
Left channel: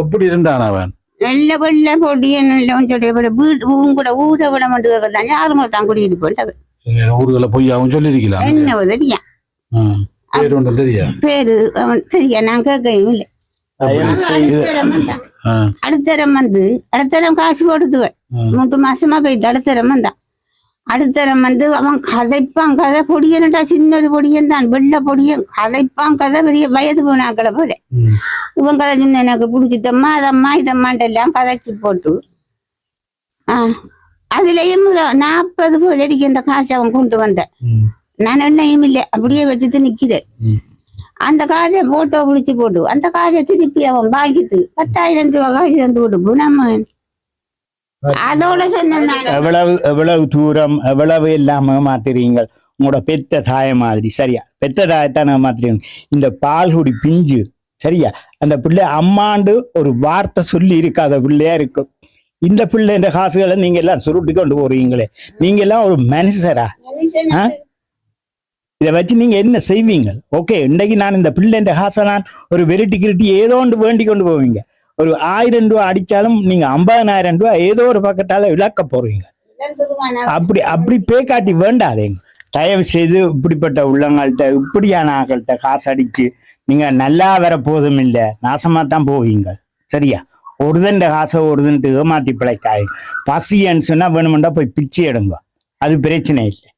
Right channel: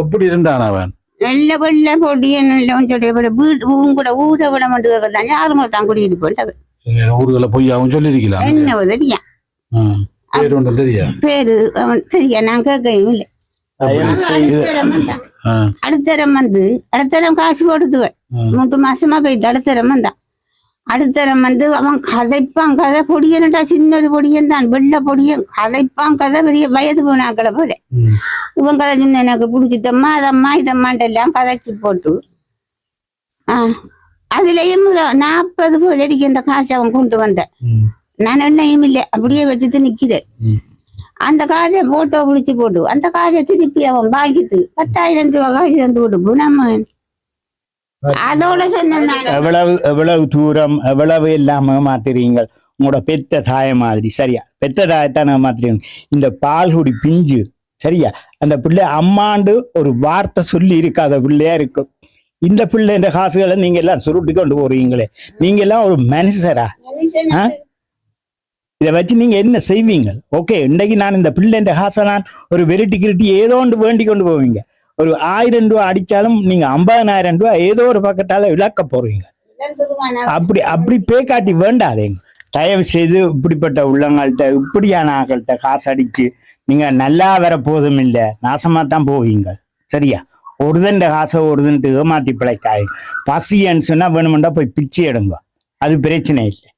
எப்படி இருந்தான் அவன்? நல்ல வெள்ள பொடியன் கூட ஊரை விட மாட்டேன். யாருமே தான் குடியிட்டு போட்டவன். ஊர்களை போய் அவன் சொல்லிருக்கலாம். என்ன தெரியா பேரு ஒன்று தெரியா? பேரு அவன் தெரியா? நான் கேட்கவும் இல்லை. அடுத்தரம் காசு கொடுத்துவன். 3 மாசமா போயிட்டு அடுத்தரம் வந்தான். அடுத்தரம் வந்து அவன் கதைப்பான் கதை. பொடியன்டா, சின்ன பொடியன் தான், வெள்ள பொடியன். கதைப்பான் கதை, பெரிய வயது போனாக்களை போல. இவன் கதை சின்ன எனக்கு பிடிச்சிட்டம்மா அதம்மா இதம்மான்ட்டு எல்லாம் கதைச்சு போட்டு அதுலயும் 40 போல அடிக்க இந்த காசை அவன் கொண்டு வந்தேன். நான் எண்ணையும் இல்லை, அப்படியே வச்சுட்டு நிக்கிறேன். அந்த காசை போட்டோ பிடிச்சு போட்டு அந்த காசை திருப்பி அவன் வாங்கிட்டு 10,000 ரூபாய் காசு தந்து விடுப்பு நம்ம. அதோட சொன்ன எவ்வளவு தூரம் எவ்வளவு இல்லாம மாத்துறீங்க. உங்களோட பெத்த தாய மாதிரி சரியா? பெத்த தாயத்தான மாத்துறீங்க. இந்த பால்குடி பிஞ்சு சரியா? அந்த பிள்ளை அம்மாண்டு ஒரு வார்த்தை சொல்லி இருக்காத பிள்ளையா இருக்கும். இந்த பிள்ளை இந்த காசுகளை நீங்க எல்லாம் சுருட்டி கொண்டு போறீங்களே, நீங்க எல்லாம் ஒரு மனுஷரா? இதை வச்சு நீங்க என்ன செய்வீங்க? ஓகே, இன்றைக்கு நான் இந்த பிள்ளை இந்த காசை நான் ஒரு வெரைட்டி கிரிட்டி ஏதோ ஒன்று வேண்டி கொண்டு போவீங்க. ஒரு 1000 ரூபாய் அடிச்சாலும் நீங்க 50,000 ரூபாய் ஏதோ ஒரு பக்கத்தால இழக்க போறீங்க. அப்படி காட்டி வேண்டாதேங்க. தயவு செய்து இப்படிப்பட்ட உள்ளங்கள்கிட்ட இப்படியான ஆக்கள்கிட்ட காசு அடிச்சு நீங்க நல்லா வர போதும் இல்லை, நாசமா தான் போவீங்க. சரியா? ஒருதண்ட காசை ஒருதன்ட்டு ஏமாத்தி பிழைக்காய். பசின்னு சொன்னா வேணுமெண்டா போய் பிச்சை எடுங்க, அது பிரச்சனை இல்லை.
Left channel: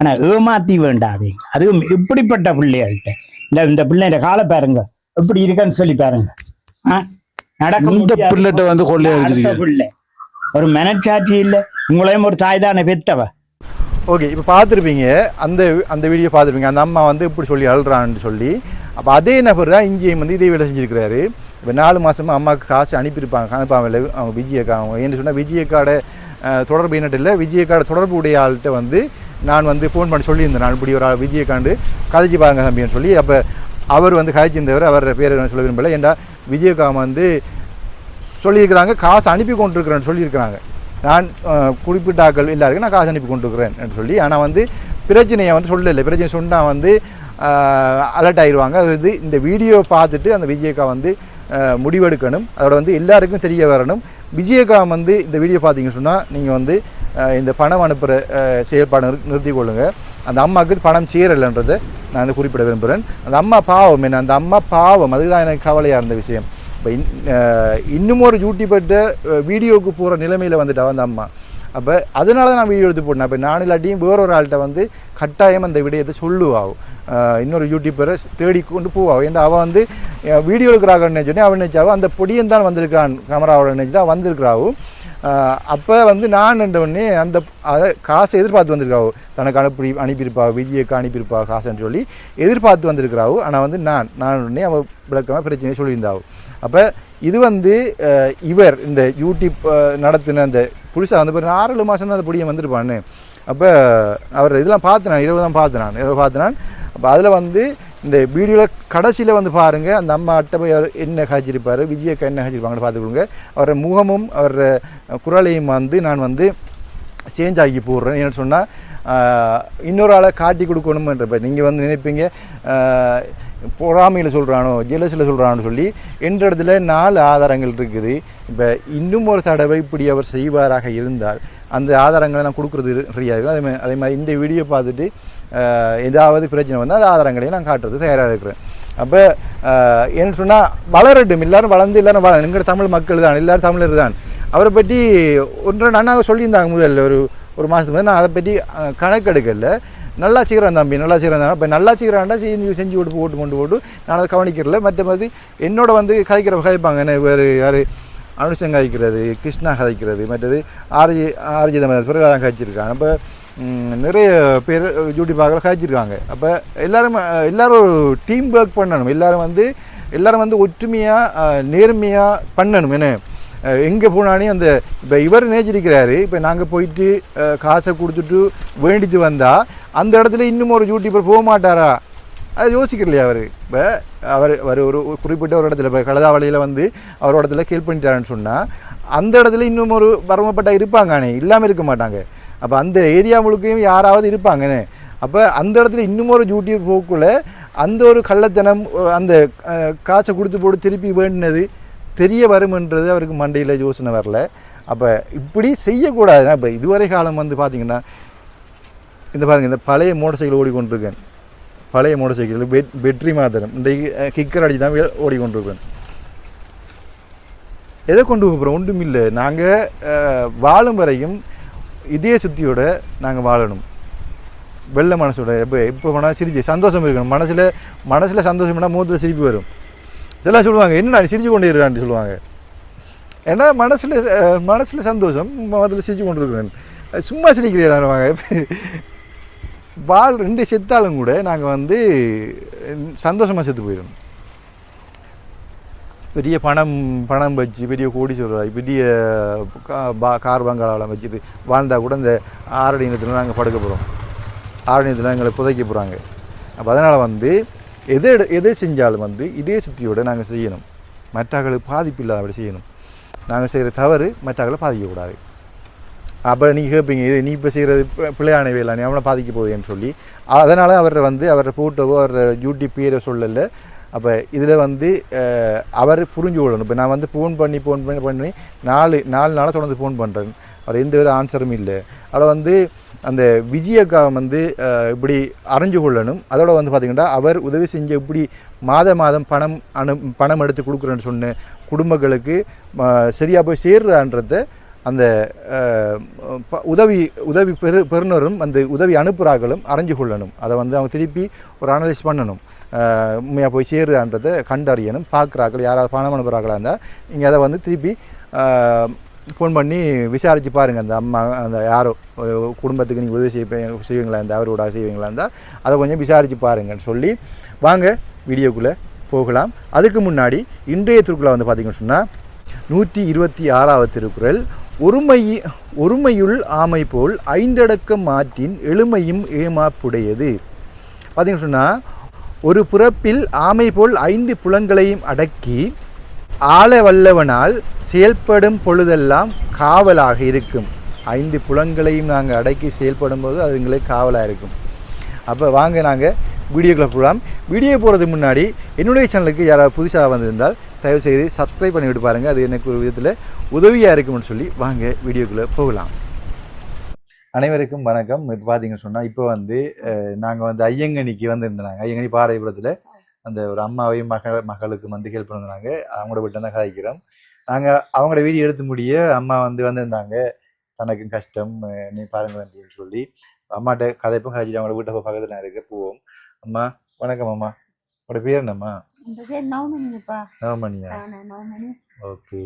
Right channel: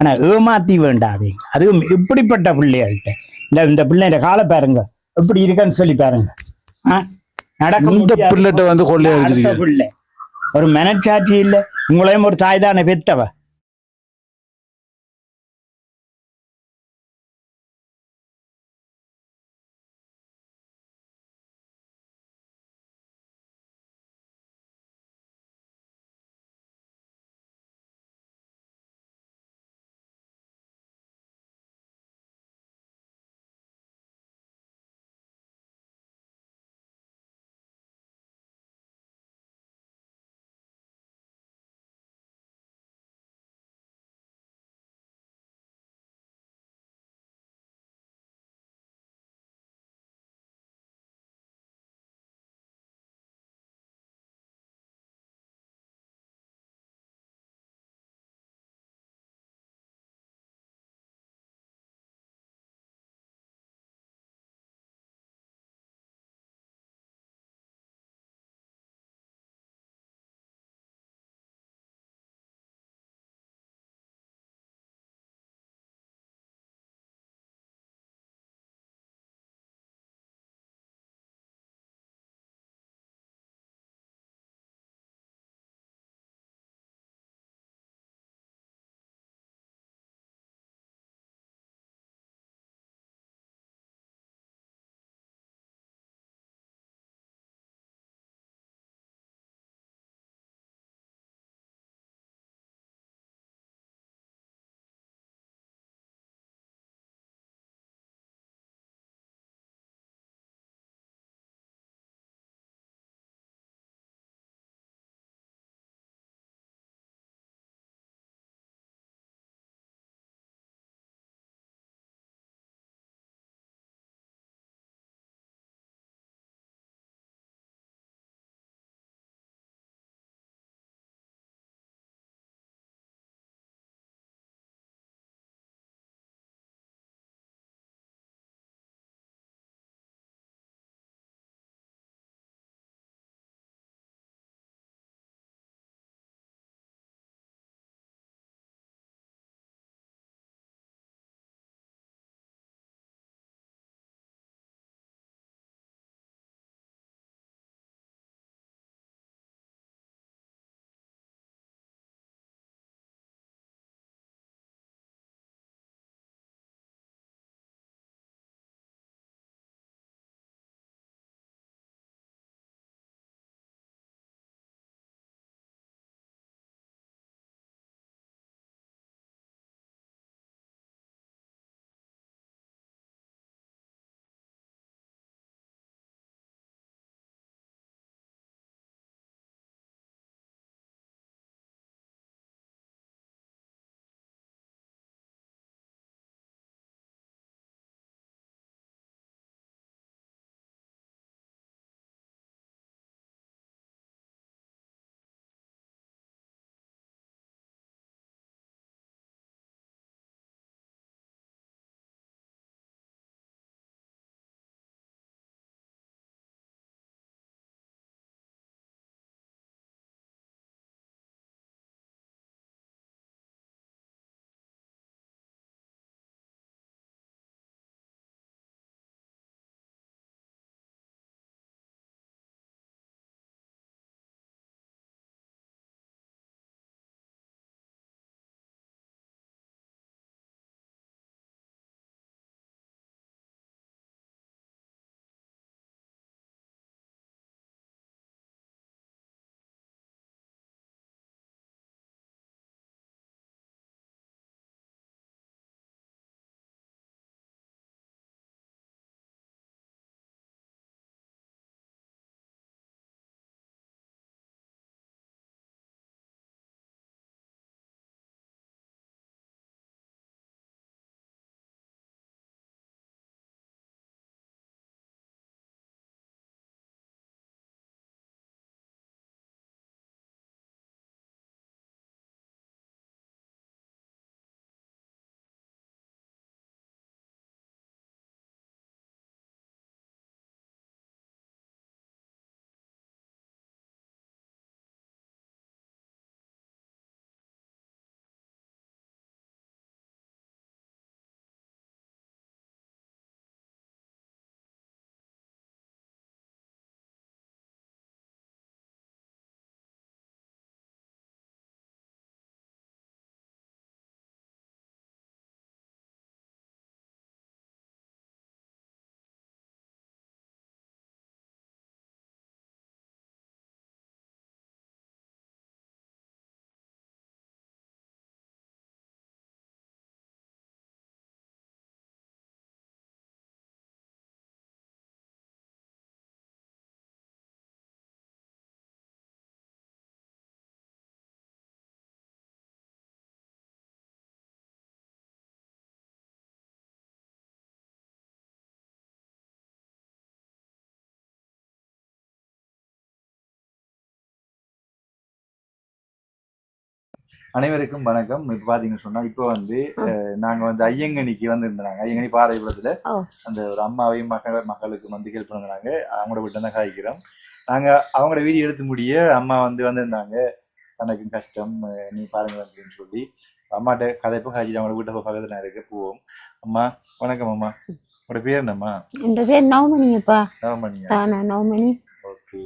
ஆனா ஏமாத்தி வேண்டாதீங்க. அதுவும் இப்படிப்பட்ட பிள்ளைகள்கிட்ட இந்த பிள்ளைங்க காலை பாருங்க எப்படி இருக்கான்னு சொல்லி பாருங்க. பிள்ளைகிட்ட வந்து பிள்ளை ஒரு மனச்சாட்சி இல்லை. உங்களையும் ஒரு தாய் தானே பெத்தவ. ஓகே, இப்போ பார்த்துருப்பீங்க அந்த வீடியோ பார்த்துருப்பீங்க. அந்த அம்மா வந்து இப்படி சொல்லி அழுறான்னு சொல்லி. அப்போ அதே நபர் தான் இங்கேயும் வந்து இதே வேலை செஞ்சுருக்கிறாரு. இப்போ 4 மாதமாக அம்மாவுக்கு காசு அனுப்பாமல் அவங்க விஜயக்கா. அவங்க ஏன்னு சொன்னால் விஜயக்காட தொடர்பு என்னட்டு இல்லை, விஜயக்காட தொடர்பு உடைய ஆள்கிட்ட வந்து நான் வந்து ஃபோன் பண்ணி சொல்லியிருந்தேன். நான் இப்படி ஒரு ஆள் விஜயக்காண்டு கதைச்சி பாருங்க தம்பின்னு சொல்லி. அப்போ அவர் வந்து கதைச்சிருந்தவர், அவர் பேர் சொல்ல விரும்பலை. ஏன்டா விஜயக்கா வந்து சொல்லியிருக்கிறாங்க காசு அனுப்பி கொண்டிருக்கிறேன்னு சொல்லியிருக்கிறாங்க. நான் குறிப்பிட்ட ஆக்கள் எல்லாருக்கும் நான் காசு அனுப்பி கொண்டிருக்கிறேன் என்று சொல்லி. ஆனால் வந்து பிரச்சனையை வந்து சொல்லலை. பிரச்சனை சொன்னால் வந்து அலர்ட் ஆயிடுவாங்க. அது வந்து இந்த வீடியோ பார்த்துட்டு அந்த விஜயக்கா வந்து முடிவெடுக்கணும். அதோட வந்து எல்லாருக்கும் தெரிய வரணும். விஜயக்கா வந்து இந்த வீடியோ பார்த்தீங்கன்னு சொன்னால் நீங்கள் வந்து இந்த பணம் அனுப்புகிற செயல்பாடு நிறுத்தி கொள்ளுங்க. அந்த அம்மாவுக்கு பணம் சேரலைன்றதை நான் வந்து குறிப்பிட விரும்புகிறேன். அந்த அம்மா பாவம் என்ன, அந்த அம்மா பாவம், அதுதான் எனக்கு கவலையாக இருந்த விஷயம். இப்போ இன்னும் ஒரு யூடியூபர்கிட்ட வீடியோவுக்கு போகிற நிலைமையில் வந்துட்டா அந்த அம்மா. அப்போ அதனால தான் நான் வீடியோ எடுத்து போட்டேன். அப்போ நான் இல்லாட்டியும் வேறொரு ஆள்கிட்ட வந்து கட்டாயம் அந்த விடயத்தை சொல்லுவாவும், இன்னொரு யூடியூபரை தேடி கொண்டு போவாள். ஏன்னா அவள் வந்து வீடியோ எடுக்கிறாங்கன்னு சொன்னேன். அவன் நினச்சாவும் அந்த பொடியன் தான் வந்திருக்கிறான், கேமராவோட நினச்சி தான் வந்திருக்கிறாவும். அப்போ வந்து நான் உடனே அந்த அதை காசை எதிர்பார்த்து வந்திருக்காவோ, தனக்கு அனுப்பியிருப்பா, விஜய்க்கு அனுப்பியிருப்பா காசுன்னு சொல்லி எதிர்பார்த்து வந்திருக்கிறாவோ. ஆனால் வந்து நான் உடனே அவள் விளக்கமாக பிரச்சனையை சொல்லியிருந்தாவோ. அப்போ இது வந்து இவர் இந்த யூடியூப் நடத்தின அந்த புதுசாக வந்து ஒரு 6 மாதம் தான் அந்த பொடியை வந்திருப்பான்னு. அப்போ அவர் இதெல்லாம் பார்த்தினான், இரவு தான் பார்த்தினான். அப்போ அதில் வந்து இந்த வீடியோவில் கடைசியில் வந்து பாருங்கள், அந்த அம்மா அட்டை போய் அவர் என்ன காய்ச்சிருப்பார், விஜயக்கா என்ன காய்ச்சிருப்பாங்கன்னு பார்த்துக்கொள்ளுங்க. அவரோட முகமும் அவர் குரலையும் வந்து நான் வந்து சேஞ்ச் ஆகி போடுறேன். ஏன்னு சொன்னால் இன்னொரு ஆளை காட்டி கொடுக்கணுமன்றப்ப நீங்கள் வந்து நினைப்பீங்க பொறாமையில் சொல்கிறானோ ஜெலஸில் சொல்கிறானு சொல்லி. என்ற இடத்துல 4 ஆதாரங்கள் இருக்குது. இப்போ இன்னும் ஒரு தடவை இப்படி அவர் செய்வாராக இருந்தால் அந்த ஆதாரங்களை நான் கொடுக்குறது ஃப்ரீயாக இருக்கும். அதே மாதிரி இந்த வீடியோ பார்த்துட்டு ஏதாவது பிரச்சனை வந்தால் அந்த ஆதாரங்களையும் நான் காட்டுறது தயாராக இருக்கிறேன். அப்போ என்ன சொன்னால் வளரட்டும், எல்லோரும் வளர்ந்து எல்லோரும் எங்கள் தமிழ் மக்கள் தான், எல்லோரும் தமிழர் தான். அவரை பற்றி ஒன்றரை அண்ணாவை சொல்லியிருந்தாங்க முதல்ல ஒரு மாதத்துக்கு முதல். நான் அதை பற்றி கணக்கெடுக்கல. நல்லா சீக்கிரம் தம்பி, நல்லா சீக்கிரம் தான். இப்போ நல்லா சீக்கிரம்டா செஞ்சு ஓட்டு கொண்டு போட்டு நான் அதை கவனிக்கிறல. மற்ற மாதிரி என்னோட வந்து கதைப்பாங்க. என்ன வேறு யார் அனுஷம் கதைக்கிறது, கிருஷ்ணா கதைக்கிறது, மற்றது ஆர்ஜிதம் பிறகு கதைச்சிருக்காங்க. அப்போ நிறைய பேர் யூடியூப்பாக காய்ச்சிருக்காங்க. அப்போ எல்லோரும் ஒரு டீம் ஒர்க் பண்ணணும். எல்லோரும் வந்து ஒற்றுமையாக நேர்மையாக பண்ணணும். என்ன எங்கே போனானே அந்த இப்போ இவர் நினைச்சிருக்கிறாரு, இப்போ நாங்கள் போயிட்டு காசை கொடுத்துட்டு வேண்டிட்டு வந்தால் அந்த இடத்துல இன்னும் ஒரு யூடியூபர் போக மாட்டாரா, அதை யோசிக்கிறலையா அவர். இப்போ அவர் ஒரு குறிப்பிட்ட ஒரு இடத்துல இப்போ கழுதாவளியில் வந்து அவர் இடத்துல கேள்வி பண்ணிட்டாருன்னு சொன்னால் அந்த இடத்துல இன்னும் ஒரு வரமப்பட்ட இருப்பாங்கண்ணே, இல்லாமல் இருக்க மாட்டாங்க. அப்போ அந்த ஏரியா முழுக்கையும் யாராவது இருப்பாங்கண்ணே. அப்போ அந்த இடத்துல இன்னும் ஒரு யூடியூப் போக்குள்ள அந்த ஒரு கள்ளத்தனம், அந்த காசை கொடுத்து போட்டு திருப்பி வேண்டினது தெரிய வரும்ன்றது அவருக்கு மண்டையில் யோசனை வரல. அப்போ இப்படி செய்யக்கூடாதுன்னா இப்போ இதுவரை காலம் வந்து பார்த்திங்கன்னா இந்த பாருங்கள், இந்த பழைய மோட்டர் சைக்கிள் ஓடிக்கொண்டிருக்கேன். பழைய மோட்டர் சைக்கிள் பெட்ரி மாத்திரம் இன்றைக்கு கிக்கர் அடிச்சு தான் ஓடிக்கொண்டிருக்கேன். எதை கொண்டு போகிறோம் ஒன்றும் இல்லை. நாங்கள் வாழும் வரையும் இதே சுத்தியோடு நாங்கள் வாழணும். வெள்ளை மனசோட எப்போ வேணால் சிரிச்சு சந்தோஷம் இருக்கணும். மனசில் சந்தோஷம் வேணால் முகத்தில் சிரிப்பு வரும். இதெல்லாம் சொல்லுவாங்க, என்ன நான் சிரிச்சு கொண்டு இருக்கிறான்னு சொல்லுவாங்க. ஏன்னா மனசில் சந்தோஷம், முகத்தில் சிரிச்சு கொண்டு இருக்கிறேன். சும்மா சிரிக்கிறேன். வாழ் 2 செத்தாலும் கூட நாங்கள் வந்து சந்தோஷமாக செத்து போயிடணும். பெரிய பணம் வச்சு பெரிய கோடி சொல்கிறாய் பெரிய கார் பங்களாவெலாம் வச்சுட்டு வாழ்ந்தால் கூட இந்த ஆரணியத்தில் நாங்கள் படுக்க போகிறோம், ஆரணியத்தில் எங்களை புதைக்க போகிறாங்க. அப்போ அதனால் வந்து எதை செஞ்சாலும் வந்து இதே சுற்றியோடு நாங்கள் செய்யணும். மற்றவர்களுக்கு பாதிப்பு இல்லாத அப்படி செய்யணும். நாங்கள் செய்கிற தவறு மற்றவர்களை பாதிக்கக்கூடாது. அப்போ நீங்கள் கேட்பீங்க, இது நீ இப்போ செய்கிறது பிள்ளையான வேலை, நீ அவனை பாதிக்க போகுதுன்னு சொல்லி. அதனால் அவரை போட்டோவோ யூடியூப் பேரை சொல்லலை. அப்போ இதில் வந்து அவர் புரிஞ்சு கொள்ளணும். இப்போ நான் வந்து ஃபோன் பண்ணி 4 நாளாக தொடர்ந்து ஃபோன் பண்ணுறேன். அவர் எந்த ஒரு ஆன்சரும் இல்லை. அதில் வந்து அந்த விஜயக்காவை வந்து இப்படி அறிஞ்சு கொள்ளணும். அதோட வந்து பார்த்திங்கன்னா அவர் உதவி செஞ்ச இப்படி மாதம் பணம் எடுத்து கொடுக்குறேன்னு சொன்ன குடும்பங்களுக்கு சரியாக போய் சேர்றான்றத அந்த உதவி பெறுநரும் அந்த உதவி அனுப்புகிறார்களும் அறிஞ்சு கொள்ளணும். அதை வந்து அவங்க திருப்பி ஒரு அனலைஸ் பண்ணணும். உண்மையாக போய் சேருதான்றதை கண்டறியணும். பார்க்குறாக்கள் யாராவது பணம் அனுப்புகிறாங்களா இருந்தால் நீங்கள் அதை வந்து திருப்பி ஃபோன் பண்ணி விசாரித்து பாருங்கள். அந்த அம்மா அந்த யாரோ குடும்பத்துக்கு நீங்கள் உதவி செய்வீங்களா இருந்தால் அவரோட செய்வீங்களா இருந்தால் அதை கொஞ்சம் விசாரித்து பாருங்கன்னு சொல்லி வாங்க வீடியோக்குள்ளே போகலாம். அதுக்கு முன்னாடி இன்றைய திருக்குறள் வந்து பார்த்திங்கன்னு சொன்னால் 126வது திருக்குறள், ஒருமையுள் ஆமை போல் 5 அடக்கம் மாற்றின் எழுமையும் ஏமாப்புடையது. பார்த்திங்கன்னு சொன்னால் ஒரு புறப்பில் ஆமை போல் 5 புலன்களையும் அடக்கி ஆள வல்லவனால் செயல்படும் பொழுதெல்லாம் காவலாக இருக்கும். 5 புலன்களையும் நாங்கள் அடக்கி செயல்படும் போது அது எங்களுக்கு காவலாக இருக்கும். அப்போ வாங்க நாங்கள் வீடியோக்குள்ளே போகலாம். வீடியோ போகிறதுக்கு முன்னாடி என்னுடைய சேனலுக்கு யாராவது புதுசாக வந்திருந்தால் தயவுசெய்து சப்ஸ்கிரைப் பண்ணி விட்டு பாருங்கள். அது எனக்கு ஒரு விதத்தில் உதவியாக இருக்கும்னு சொல்லி வாங்க வீடியோக்குள்ளே போகலாம். அனைவருக்கும் வணக்கம். இப்போ பார்த்தீங்கன்னு சொன்னால் இப்போ வந்து நாங்கள் வந்து ஐயங்கனிக்கு வந்திருந்தாங்க. ஐயங்கனி பாறைபுரத்தில் அந்த ஒரு அம்மாவையும் மகளுக்கு வந்து ஹெல்ப் பண்ணிருந்தாங்க. அவங்களோட விட்டு தான் காய்க்கிறோம். நாங்கள் அவங்களோட வீடியோ எடுத்து முடிய அம்மா வந்து வந்திருந்தாங்க. தனக்கும் கஷ்டம் நீ பாருங்க அப்படின்னு சொல்லி அம்மாட்ட கதைப்பும் காய்ச்சி அவங்களோட வீட்டை பக்கத்தில் நான் இருக்க போவோம். அம்மா வணக்கம். அம்மா உங்களோட பேர் என்னம்மா? என் பேர் நவமணிப்பா. நவமணியா? நவமணி. ஓகே.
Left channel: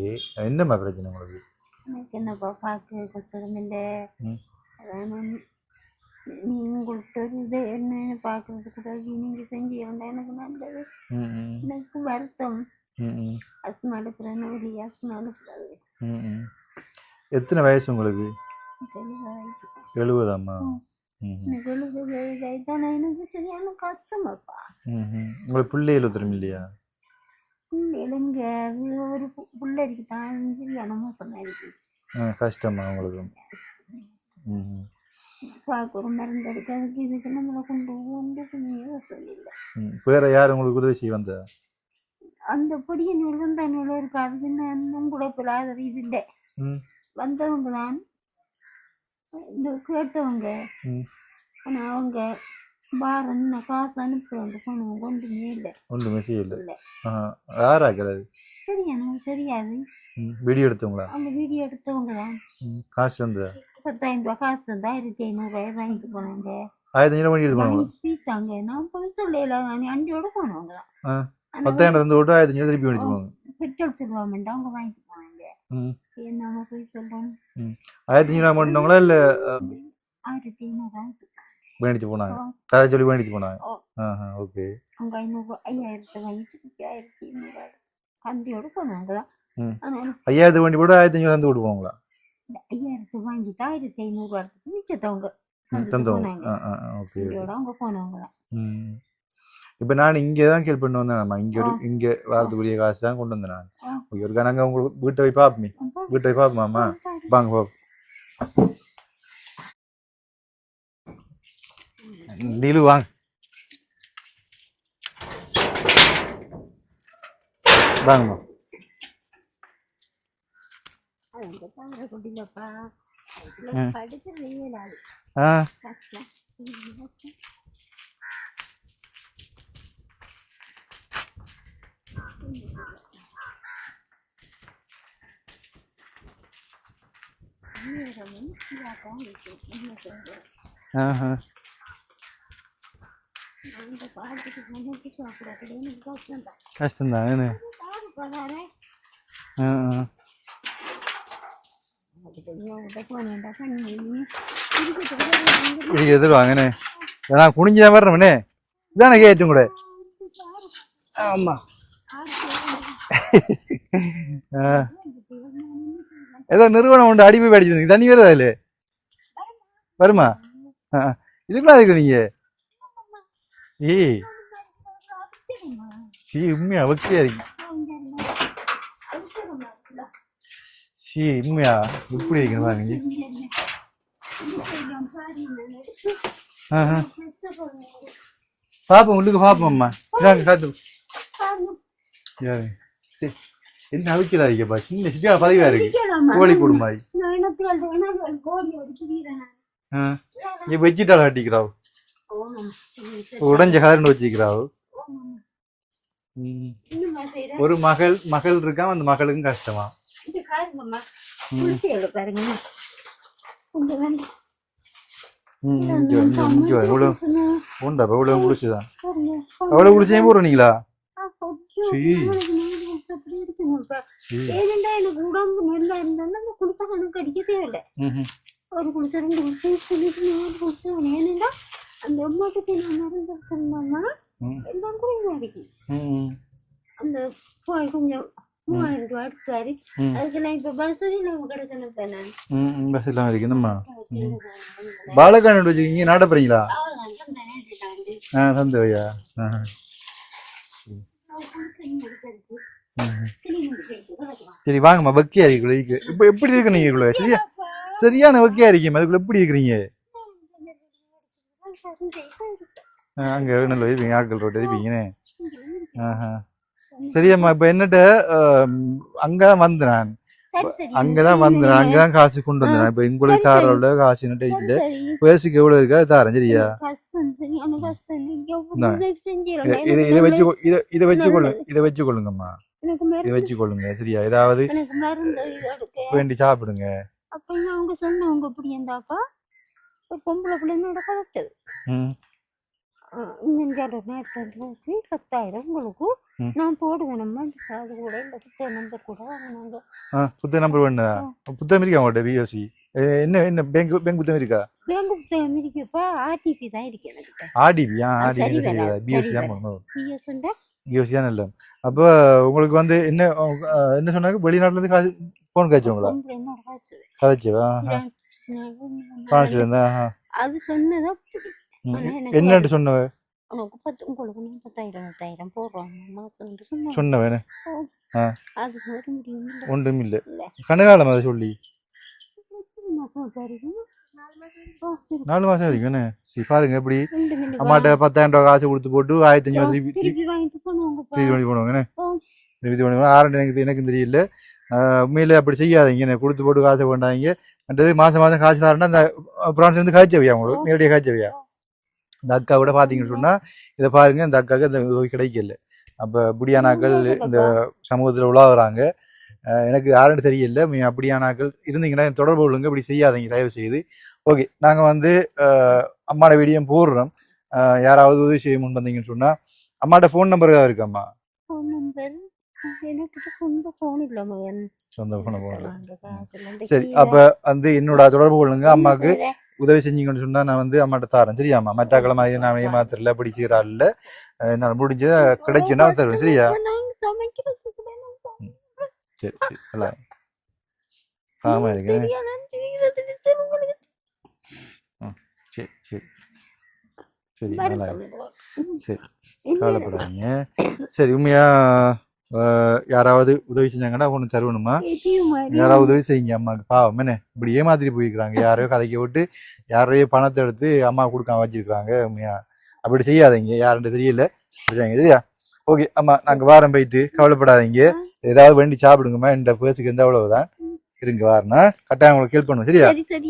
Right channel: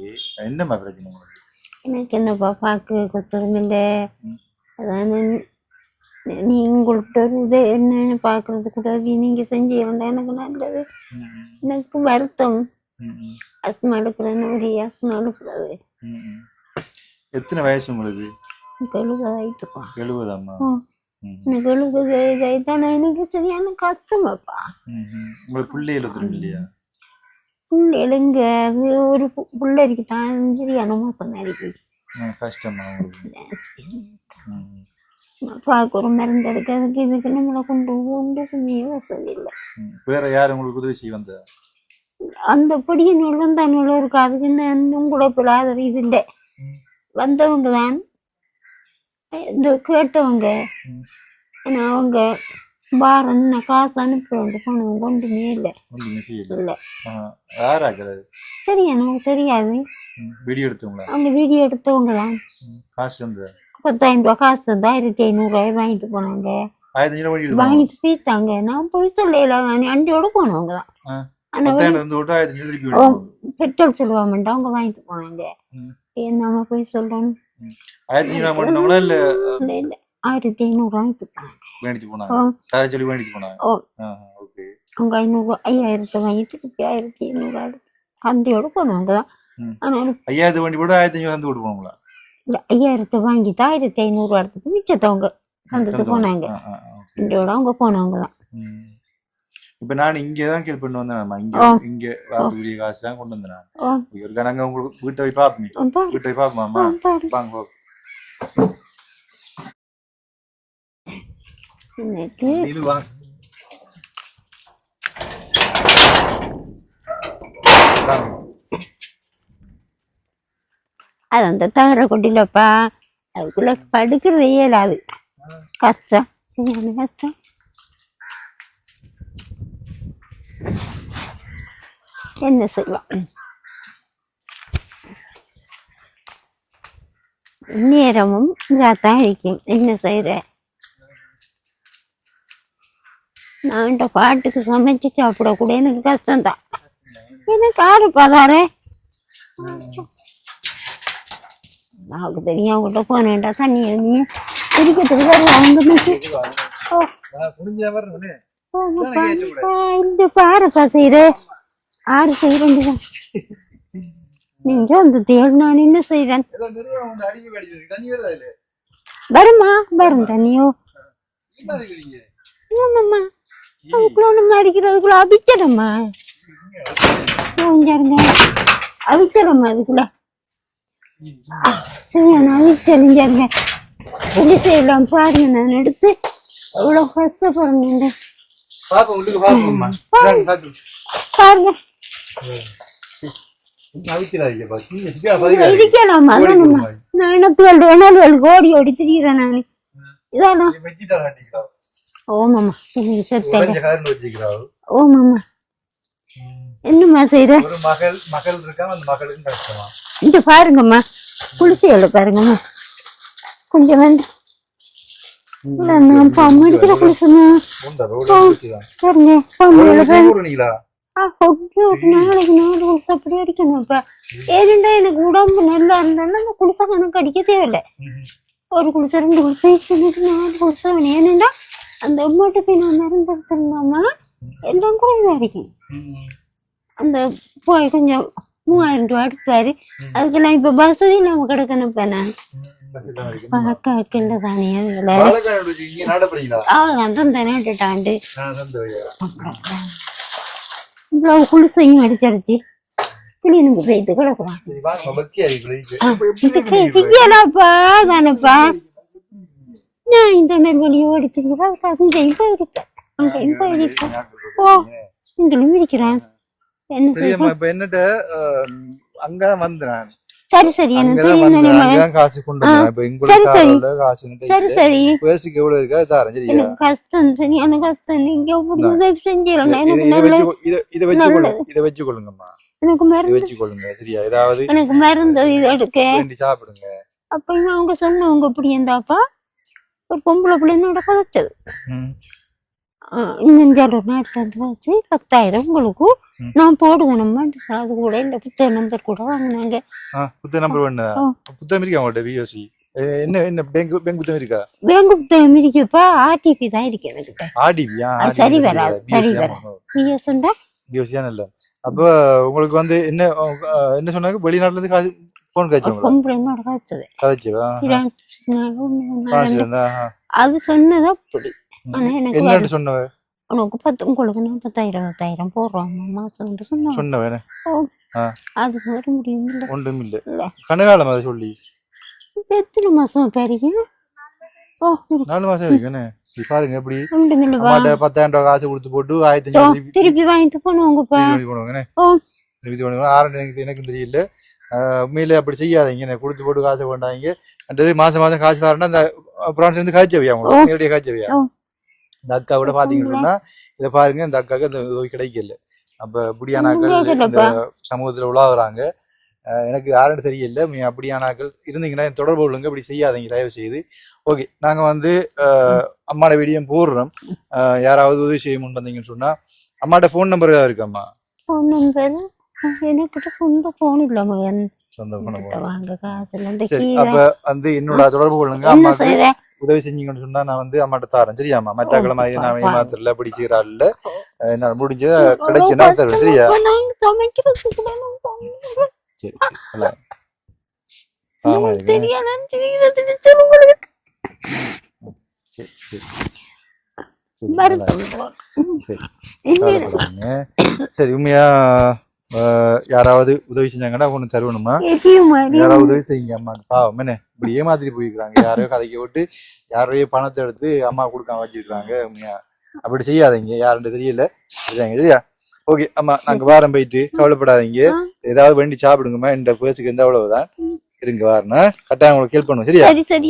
என்னம்மா பிரச்சனை உங்களுக்கு? எனக்கு என்னப்பா பார்க்க கொத்தரமில்லை. அதாவது நீ உங்கள்கிட்ட இது என்னன்னு பார்க்கறதுக்கு உதவி நீங்கள் செஞ்சு வேண்டாம். எனக்கு நல்லது. எனக்கு வருத்தம். அஸ்மா எடுக்கிறேன்னு ஒரு அஸ்மா எடுக்கிறது. எத்தனை வயசு உங்களுக்கு? 70 ஆயிட்டுப்பா. 70ஆம்மா? எனக்கு 70 ஆயிட்டானா எனக்கு சரியான கஷ்டமாப்பா. உங்களுக்கு பிள்ளைகள் ஒருத்தரும் இல்லையா? பிள்ளைங்க அது ஒரு பிள்ளைக்கு தான் சரியான மோசம் இருக்கு. கஷ்டமா உங்களுக்கு? பார்க்க ஒரு மருந்து எடுக்கிறதுக்கு இதுக்கு நம்மளை கொண்டு ஒன்றுக்குமே வசதி இல்லை. வேற யார் உங்களுக்கு உதவி செய்ய வந்தா? அந்த படியினுள்ள தன்னுள்ள இருக்கு. அதுக்கு இன்னும் கூட பிள்ளாத இது இல்லை. வந்தவங்க தான் இந்த கேட்டவங்க. ஆனால் அவங்க பாரன்னு காசு அனுப்புறவங்க போனவங்க ஒன்றுமே இல்லை. ஒன்றுமே இல்லை. யாராக்குறது சரி எனக்கு தெரியாது. வீடியோ எடுத்தவங்களா? அவங்க வீடியோ எடுத்தவங்க தான். காசு வந்து 10,000 ரூபா காசு தான் 1500 வாங்கிட்டு போனாங்க. 1500 வாங்கிட்டு போயிட்டாங்க. நான் போய் சொல்லல. அண்டியோட போனவங்க தான். பெட்ரோல் செலவாமண்டா அவங்க வாங்கிட்டு போனாங்க. நம்ம போய் சொல்றோம். 1500 வாங்கிட்டு போனாங்க. அவங்க 5000 வாங்கிட்டு 1500 அந்தியோட போனவங்க தான். ஆனாலும் 5000 வண்டி போட்டு 1500 வந்து விட்டு போவாங்களா? இல்லை 5000 வாங்கிட்டு 1500 எடுத்துட்டு மிச்சத்தவங்க வந்துட்டு போனாங்க. அவங்க போனவங்க தான். இப்ப நான் இங்கதான் கேள்வி பண்ணி வந்தேன். இங்க வரக்கூடிய காசு தான் கொண்டு வந்தேன். ஒரு கணங்க உங்களுக்கு வீட்டை போய் பாப்போமே. வீட்டை போய் பாப்போமாம்மா? வாங்க போ. வாங்க. அது அந்த தகர கொட்டிலப்பா. அதுக்குள்ள படுக்கிறது இயலாது. கஷ்டம் கஷ்டம். என்ன செய்வோம்? நேரமும் இதாத்தான் இருக்கும். என்ன செய்யற? நான் இந்த பாட்டுக்கு சமைச்சு சாப்பிட கூட எனக்கு கஷ்டம்தான். எனக்கு ஆறு பதாரே நமக்கு தெரியும். அவங்ககிட்ட போனேன்டா தண்ணி எழுதிய குடிக்கிறதுக்கு இந்த பாருப்பா செய்யற ஆறு செய்யறேன். அந்த தேல் நான் என்ன செய்யறேன்? ஏதோ நிறுவனம் உண்டு அடிமை அடிச்சு தண்ணி வருதா? இல்ல வருமா? வருமா தண்ணியோ? இதுக்குள்ள இருக்கு. நீங்க அடிக்கிறதுக்குள்ள அபிச்சரம்மா. அபிச்சரம்மா அதுக்குள்ள அவிச்சரிஞ்சாருங்க. என்ன செய்யலாம் பாருங்க. நான் எடுத்து எவ்வளவு கஷ்டப்படுறேன் பாருங்க. ஓடி ஓடி திரிகிறேன் நானு. என்னம்மா செய்யற? ஒரு மகள் இருக்கா. அந்த மகளுக்கும் கஷ்டமா? இங்க பாருங்கம்மா. குளிசையோட பாருங்கம்மா. கொஞ்சம் வந்து எனக்கு உடம்பு நல்லா இருந்தாலும் அந்த குளிசை கணக்கு அடிக்க தேவையில்லை. ஒரு குளிசை 2 குளிசை 4 குளிசை. ஏனென்றா அந்த அம்மாட்டுக்கு நான் மறந்துருந்தோம்னா எல்லாம் கூட அடிக்கும். அந்த போய் கொஞ்சம் 3000 ரூபா எடுத்தாரு. அதுக்கெல்லாம் இப்ப வசதி இல்லாம கிடக்கணும். இப்ப நான் நாட்டுட்டாண்டு குளிசையும் அடிச்சடிச்சு கிளீனுக்கு போயிட்டு கிடக்குறான். சரி வாங்கம்மா. பக்தியா இருக்கு. நான் இந்த நெல்வெளியோ எடுத்துக்கிறா தஞ்சையும் போயிருக்கேன் ஆக்கள் ரோட்டு இருக்கீங்க. இங்கிலும் இருக்கிறான். சரியம்மா இப்ப என்னட்டு அங்க வந்தேன். சரி சரி அங்கதான் வந்தேன். அங்கதான் காசு கொண்டு வந்தேன். இப்ப உங்களுக்கு தாரோட காசு சரி சரி பேசிக்கு எவ்வளவு இருக்கா தாரேன். சரியா கஷ்டம் சரியான கஷ்டம். நீங்க உதவி செஞ்சிடலாம். இதை வச்சுக்கொள்ளுங்கம்மா. எனக்கு இதை மருந்து வச்சுக்கொள்ளுங்க. சரியா ஏதாவது எனக்கு மருந்து இது எடுக்க வேண்டி சாப்பிடுங்க. அப்ப அவங்க சொன்னவங்க இப்படி இருந்தாப்பா ஒரு பொம்பளை பிள்ளைனோட கதைச்சது. இந்த நேரத்துல வச்சு 10,000 உங்களுக்கு நான் போடுவேன். நம்ம அது கூட இந்த புத்தக நம்பர் கூட வாங்கினாங்க. புத்தக நம்பர் வேணா புத்தகம் இருக்கா உங்கள்ட்ட? விஓசி என்ன என்ன பேங்க் புத்தகம் இருக்கா? பேங்க் புத்தகம் இருக்குப்பா. ஆர்டிபி தான் இருக்கு என்கிட்ட. ஆர்டிபியா? சரி வராது. சரி வராது. பிஎஸ் உண்டா? பிஓசி தான் இல்ல. அப்ப உங்களுக்கு வந்து என்ன என்ன சொன்னாங்க? வெளிநாட்டுல இருந்து காசு போன் காய்ச்சது. காய்ச்சவா? அது சொன்னதா அப்படி. என்ன சொன்னவ? உனக்கு உங்களுக்கு 40,000 போடுறோம் மாசம் சொன்னவன் அது வர முடியும். ஒன்றும் இல்ல கனகாலம் அதை சொல்லி எத்தனை மாசம் பெரிய 4 மாசம் வரைக்கும். சரி பாருங்க எப்படி 10,000 காசு கொடுத்து போட்டு 1,500 திருப்பி வாங்கிட்டு போனவங்க எனக்கு தெரியல. உண்மையில அப்படி செய்யாதீங்க. கொடுத்து போட்டு காசு வேண்டாங்க. மாசம் மாசம் காசு தரேன்னா இந்த பிரான்ஸ்ல இருந்து காய்ச்சவியா உங்களுக்கு நேரடியாக காய்ச்சவியா? இந்த அக்கா கூட பாத்தீங்கன்னு சொன்னா இதை பாருங்க, இந்த அக்காவுக்கு இந்த உதவி கிடைக்கல. அப்ப இப்படியானாக்கள் இந்த சமூகத்துல உலாவுறாங்க. எனக்கு யாருன்னு தெரியல. நீங்க அப்படியானாக்கள் இருந்தீங்கன்னா தொடர்பு கொள்ளுங்க. இப்படி செய்யாதீங்க தயவு செய்து. ஓகே, நாங்க வந்து அம்மாட வீடியோ போடுறோம். யாராவது உதவி செய்ய முன் வந்தீங்கன்னு சொன்னா அம்மாட்ட போன் நம்பர் ஏதாவது இருக்காம்மா? போன் நம்பர் எனக்கு சொந்த போன் இல்ல மகன். சொந்த போன் வாங்க காசு. சரி, அப்ப வந்து என்னோட தொடர்பு கொள்ளுங்க. அம்மாக்கு உதவி செஞ்சீங்கன்னு சொன்னா நான் வந்து அம்மாட்ட தாரேன். சரியாம்மா? மற்ற மாதிரி நான் ஏமாத்திரல அப்படி செய்யறா இல்ல. நான் முடிஞ்ச கிடைச்சுன்னா தருவேன். சரியா? சரி சரி ஆமா சரி சரி உண்மையா யாராவது உதவி செஞ்சாங்கன்னா ஒண்ணு தருவணுமா? யாராவது உதவி செய்யுங்க அம்மாக்கு. பாவம் என்ன இப்படி ஏமாத்திட்டு போயிருக்காங்க. யாரையோ கதைக்க விட்டு யாரையோ பணத்தை எடுத்து அம்மா கொடுக்காம வச்சிருக்காங்க. உண்மையா அப்படி செய்யாதீங்க. யாருன்னு தெரியல. சரியா? ஓகே அம்மா, நாங்க வாரம் போயிட்டு கவலைப்படாதீங்க. ஏதாவது வேண்டி சாப்பிடுங்கம்மா. இந்த பேசுக்கு இருந்தா அவ்வளவுதான். இருங்க வாரனா கட்டாயம் உங்களுக்கு ஹெல்ப் பண்ணுவோம். சரியா? ஓகே சரி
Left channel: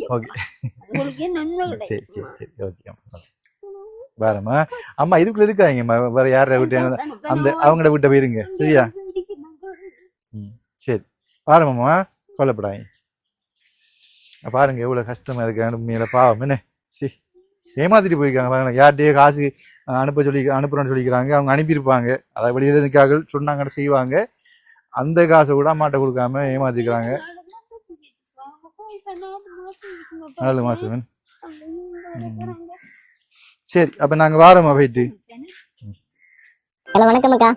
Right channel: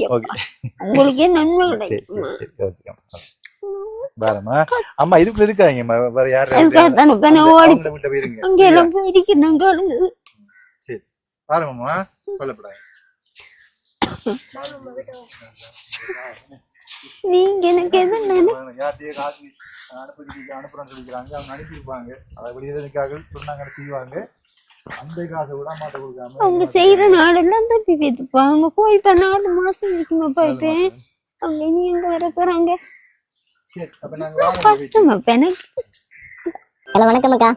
சரி சரி ஓகே வேறம்மா. அம்மா இதுக்குள்ள இருக்காங்கம்மா. வேற யாரும் அவங்கள விட்ட போயிருங்க. சரி பாருங்கம்மா, கவலைப்படாங்க. பாருங்க எவ்வளவு கஷ்டமா இருக்கு. உண்மையில பாவம் என்ன ஏமாத்திட்டு போயிருக்காங்க. யார்கிட்டயே காசு அனுப்புறேன்னு சொல்லிக்கிறாங்க. அவங்க அனுப்பியிருப்பாங்க. அதை வெளியில சொன்னாங்கன்னு செய்வாங்க. அந்த காசை கூட அம்மாட்ட கொடுக்காம ஏமாத்திருக்காங்க. சரி அப்ப நாங்க வாரமா போயிட்டு. ஹலோ வணக்கம் அக்கா.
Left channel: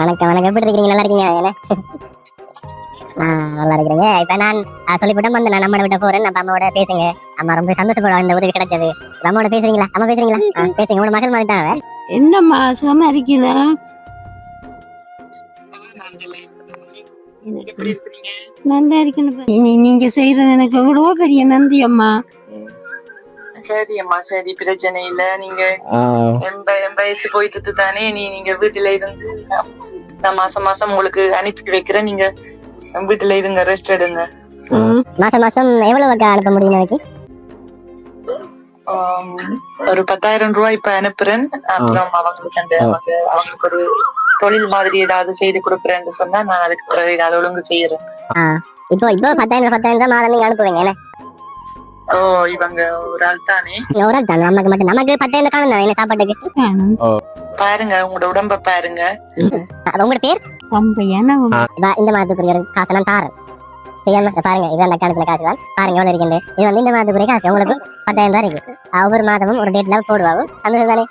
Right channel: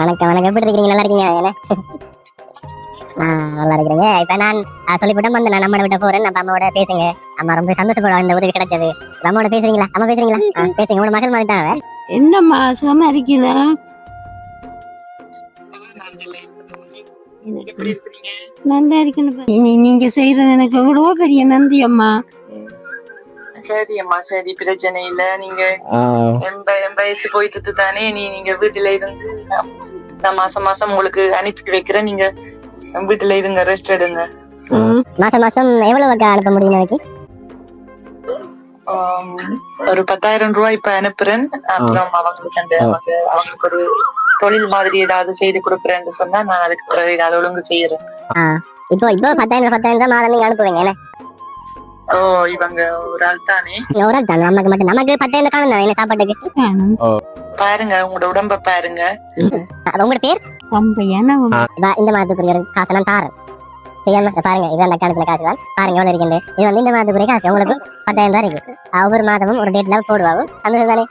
வணக்கம் வணக்கம். எப்படி இருக்கீங்க? நல்லா இருக்கீங்க? நல்லா இருக்கிறீங்க. இப்ப நான் சொல்லிவிட்டு வந்து நான் அம்மாவோட விட்ட போறேன். நம்ம அம்மாவோட பேசுங்க. அம்மா ரொம்ப சந்தோஷப்படுவா இந்த உதவி கிடைச்சது. அம்மாவோட பேசுறீங்களா? அம்மா பேசுறீங்களா? பேசுங்க. உங்களோட மகள் மாதிரி தான். என்னம்மா சும்மா இருக்கீங்களா? நல்லா இருக்கணும். நீங்க செய்யறது எனக்கு எவ்வளவோ பெரிய நன்றி அம்மா. சரி அம்மா, சரி பிரச்சனை இல்ல. நீங்க வயசு போயிட்டு தானே நீங்க வீட்டுல இருந்து நான் மாசம் மாசம் உங்களுக்கு அனுப்பி வைக்கிறேன். நீங்க வீட்டுல இருங்க, ரெஸ்ட் எடுங்க. மாசம் மாசம் எவ்வளவு அனுப்ப முடியும்? ஒரு 10,000 ரூபாய் இப்ப அனுப்புறேன். அப்புறம் அவங்களுக்கு ஒரு தொழில் மாதிரி ஏதாவது செய்து கொடுக்குறேன்னு சொன்னா நான் அதுக்கு பிறகு ஏதாவது ஒழுங்கு செய்யறேன். இப்போ 10,000 மாதம் நீங்க அனுப்புவீங்க? ஓ, இவங்க ஒரு ஆள் தானே? ஒரு ஆள் தானே. நமக்கு மட்டும் நமக்கு 10,000 காணும் என்ன சாப்பாட்டுக்கு? பாருங்க உங்களோட உடம்ப பாருங்க. உங்களோட பேர்? இந்த மாதத்துக்குரிய காசு நான் தாரேன். செய்யாம பாருங்க. இது அந்த அக்கௌண்ட்ல காசு தான். பாருங்க எவ்வளவு இருக்குது. இது வந்து இந்த மாதத்துக்குரிய காசு உங்களுக்கு 10,000 தான் இருக்கு. ஒவ்வொரு மாதமும் ஒரு டேட்ல போடுவாங்க. சந்தோஷம் தானே?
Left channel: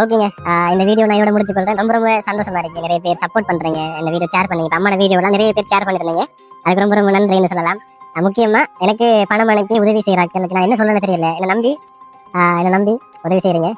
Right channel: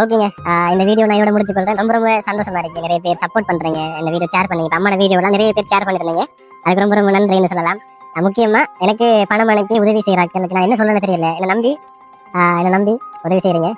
ஓகேங்க. இந்த வீடியோ நான் இதோட முடிச்சு கொள்றேன். ரொம்ப ரொம்ப சந்தோஷமா இருக்கு. நிறைய பேர் சப்போர்ட் பண்றீங்க. இந்த வீடியோ ஷேர் பண்ணி அம்மாவோட வீடியோ எல்லாம் நிறைய பேர் ஷேர் பண்ணிருந்தீங்க. அதுக்கு ரொம்ப ரொம்ப நன்றின்னு சொல்லலாம். முக்கியமா எனக்கு பணம் அனுப்பி உதவி செய்யறாங்களுக்கு நான் என்ன சொல்லணும்னு தெரியல. என்னை நம்பி உதவி செய்யறீங்க.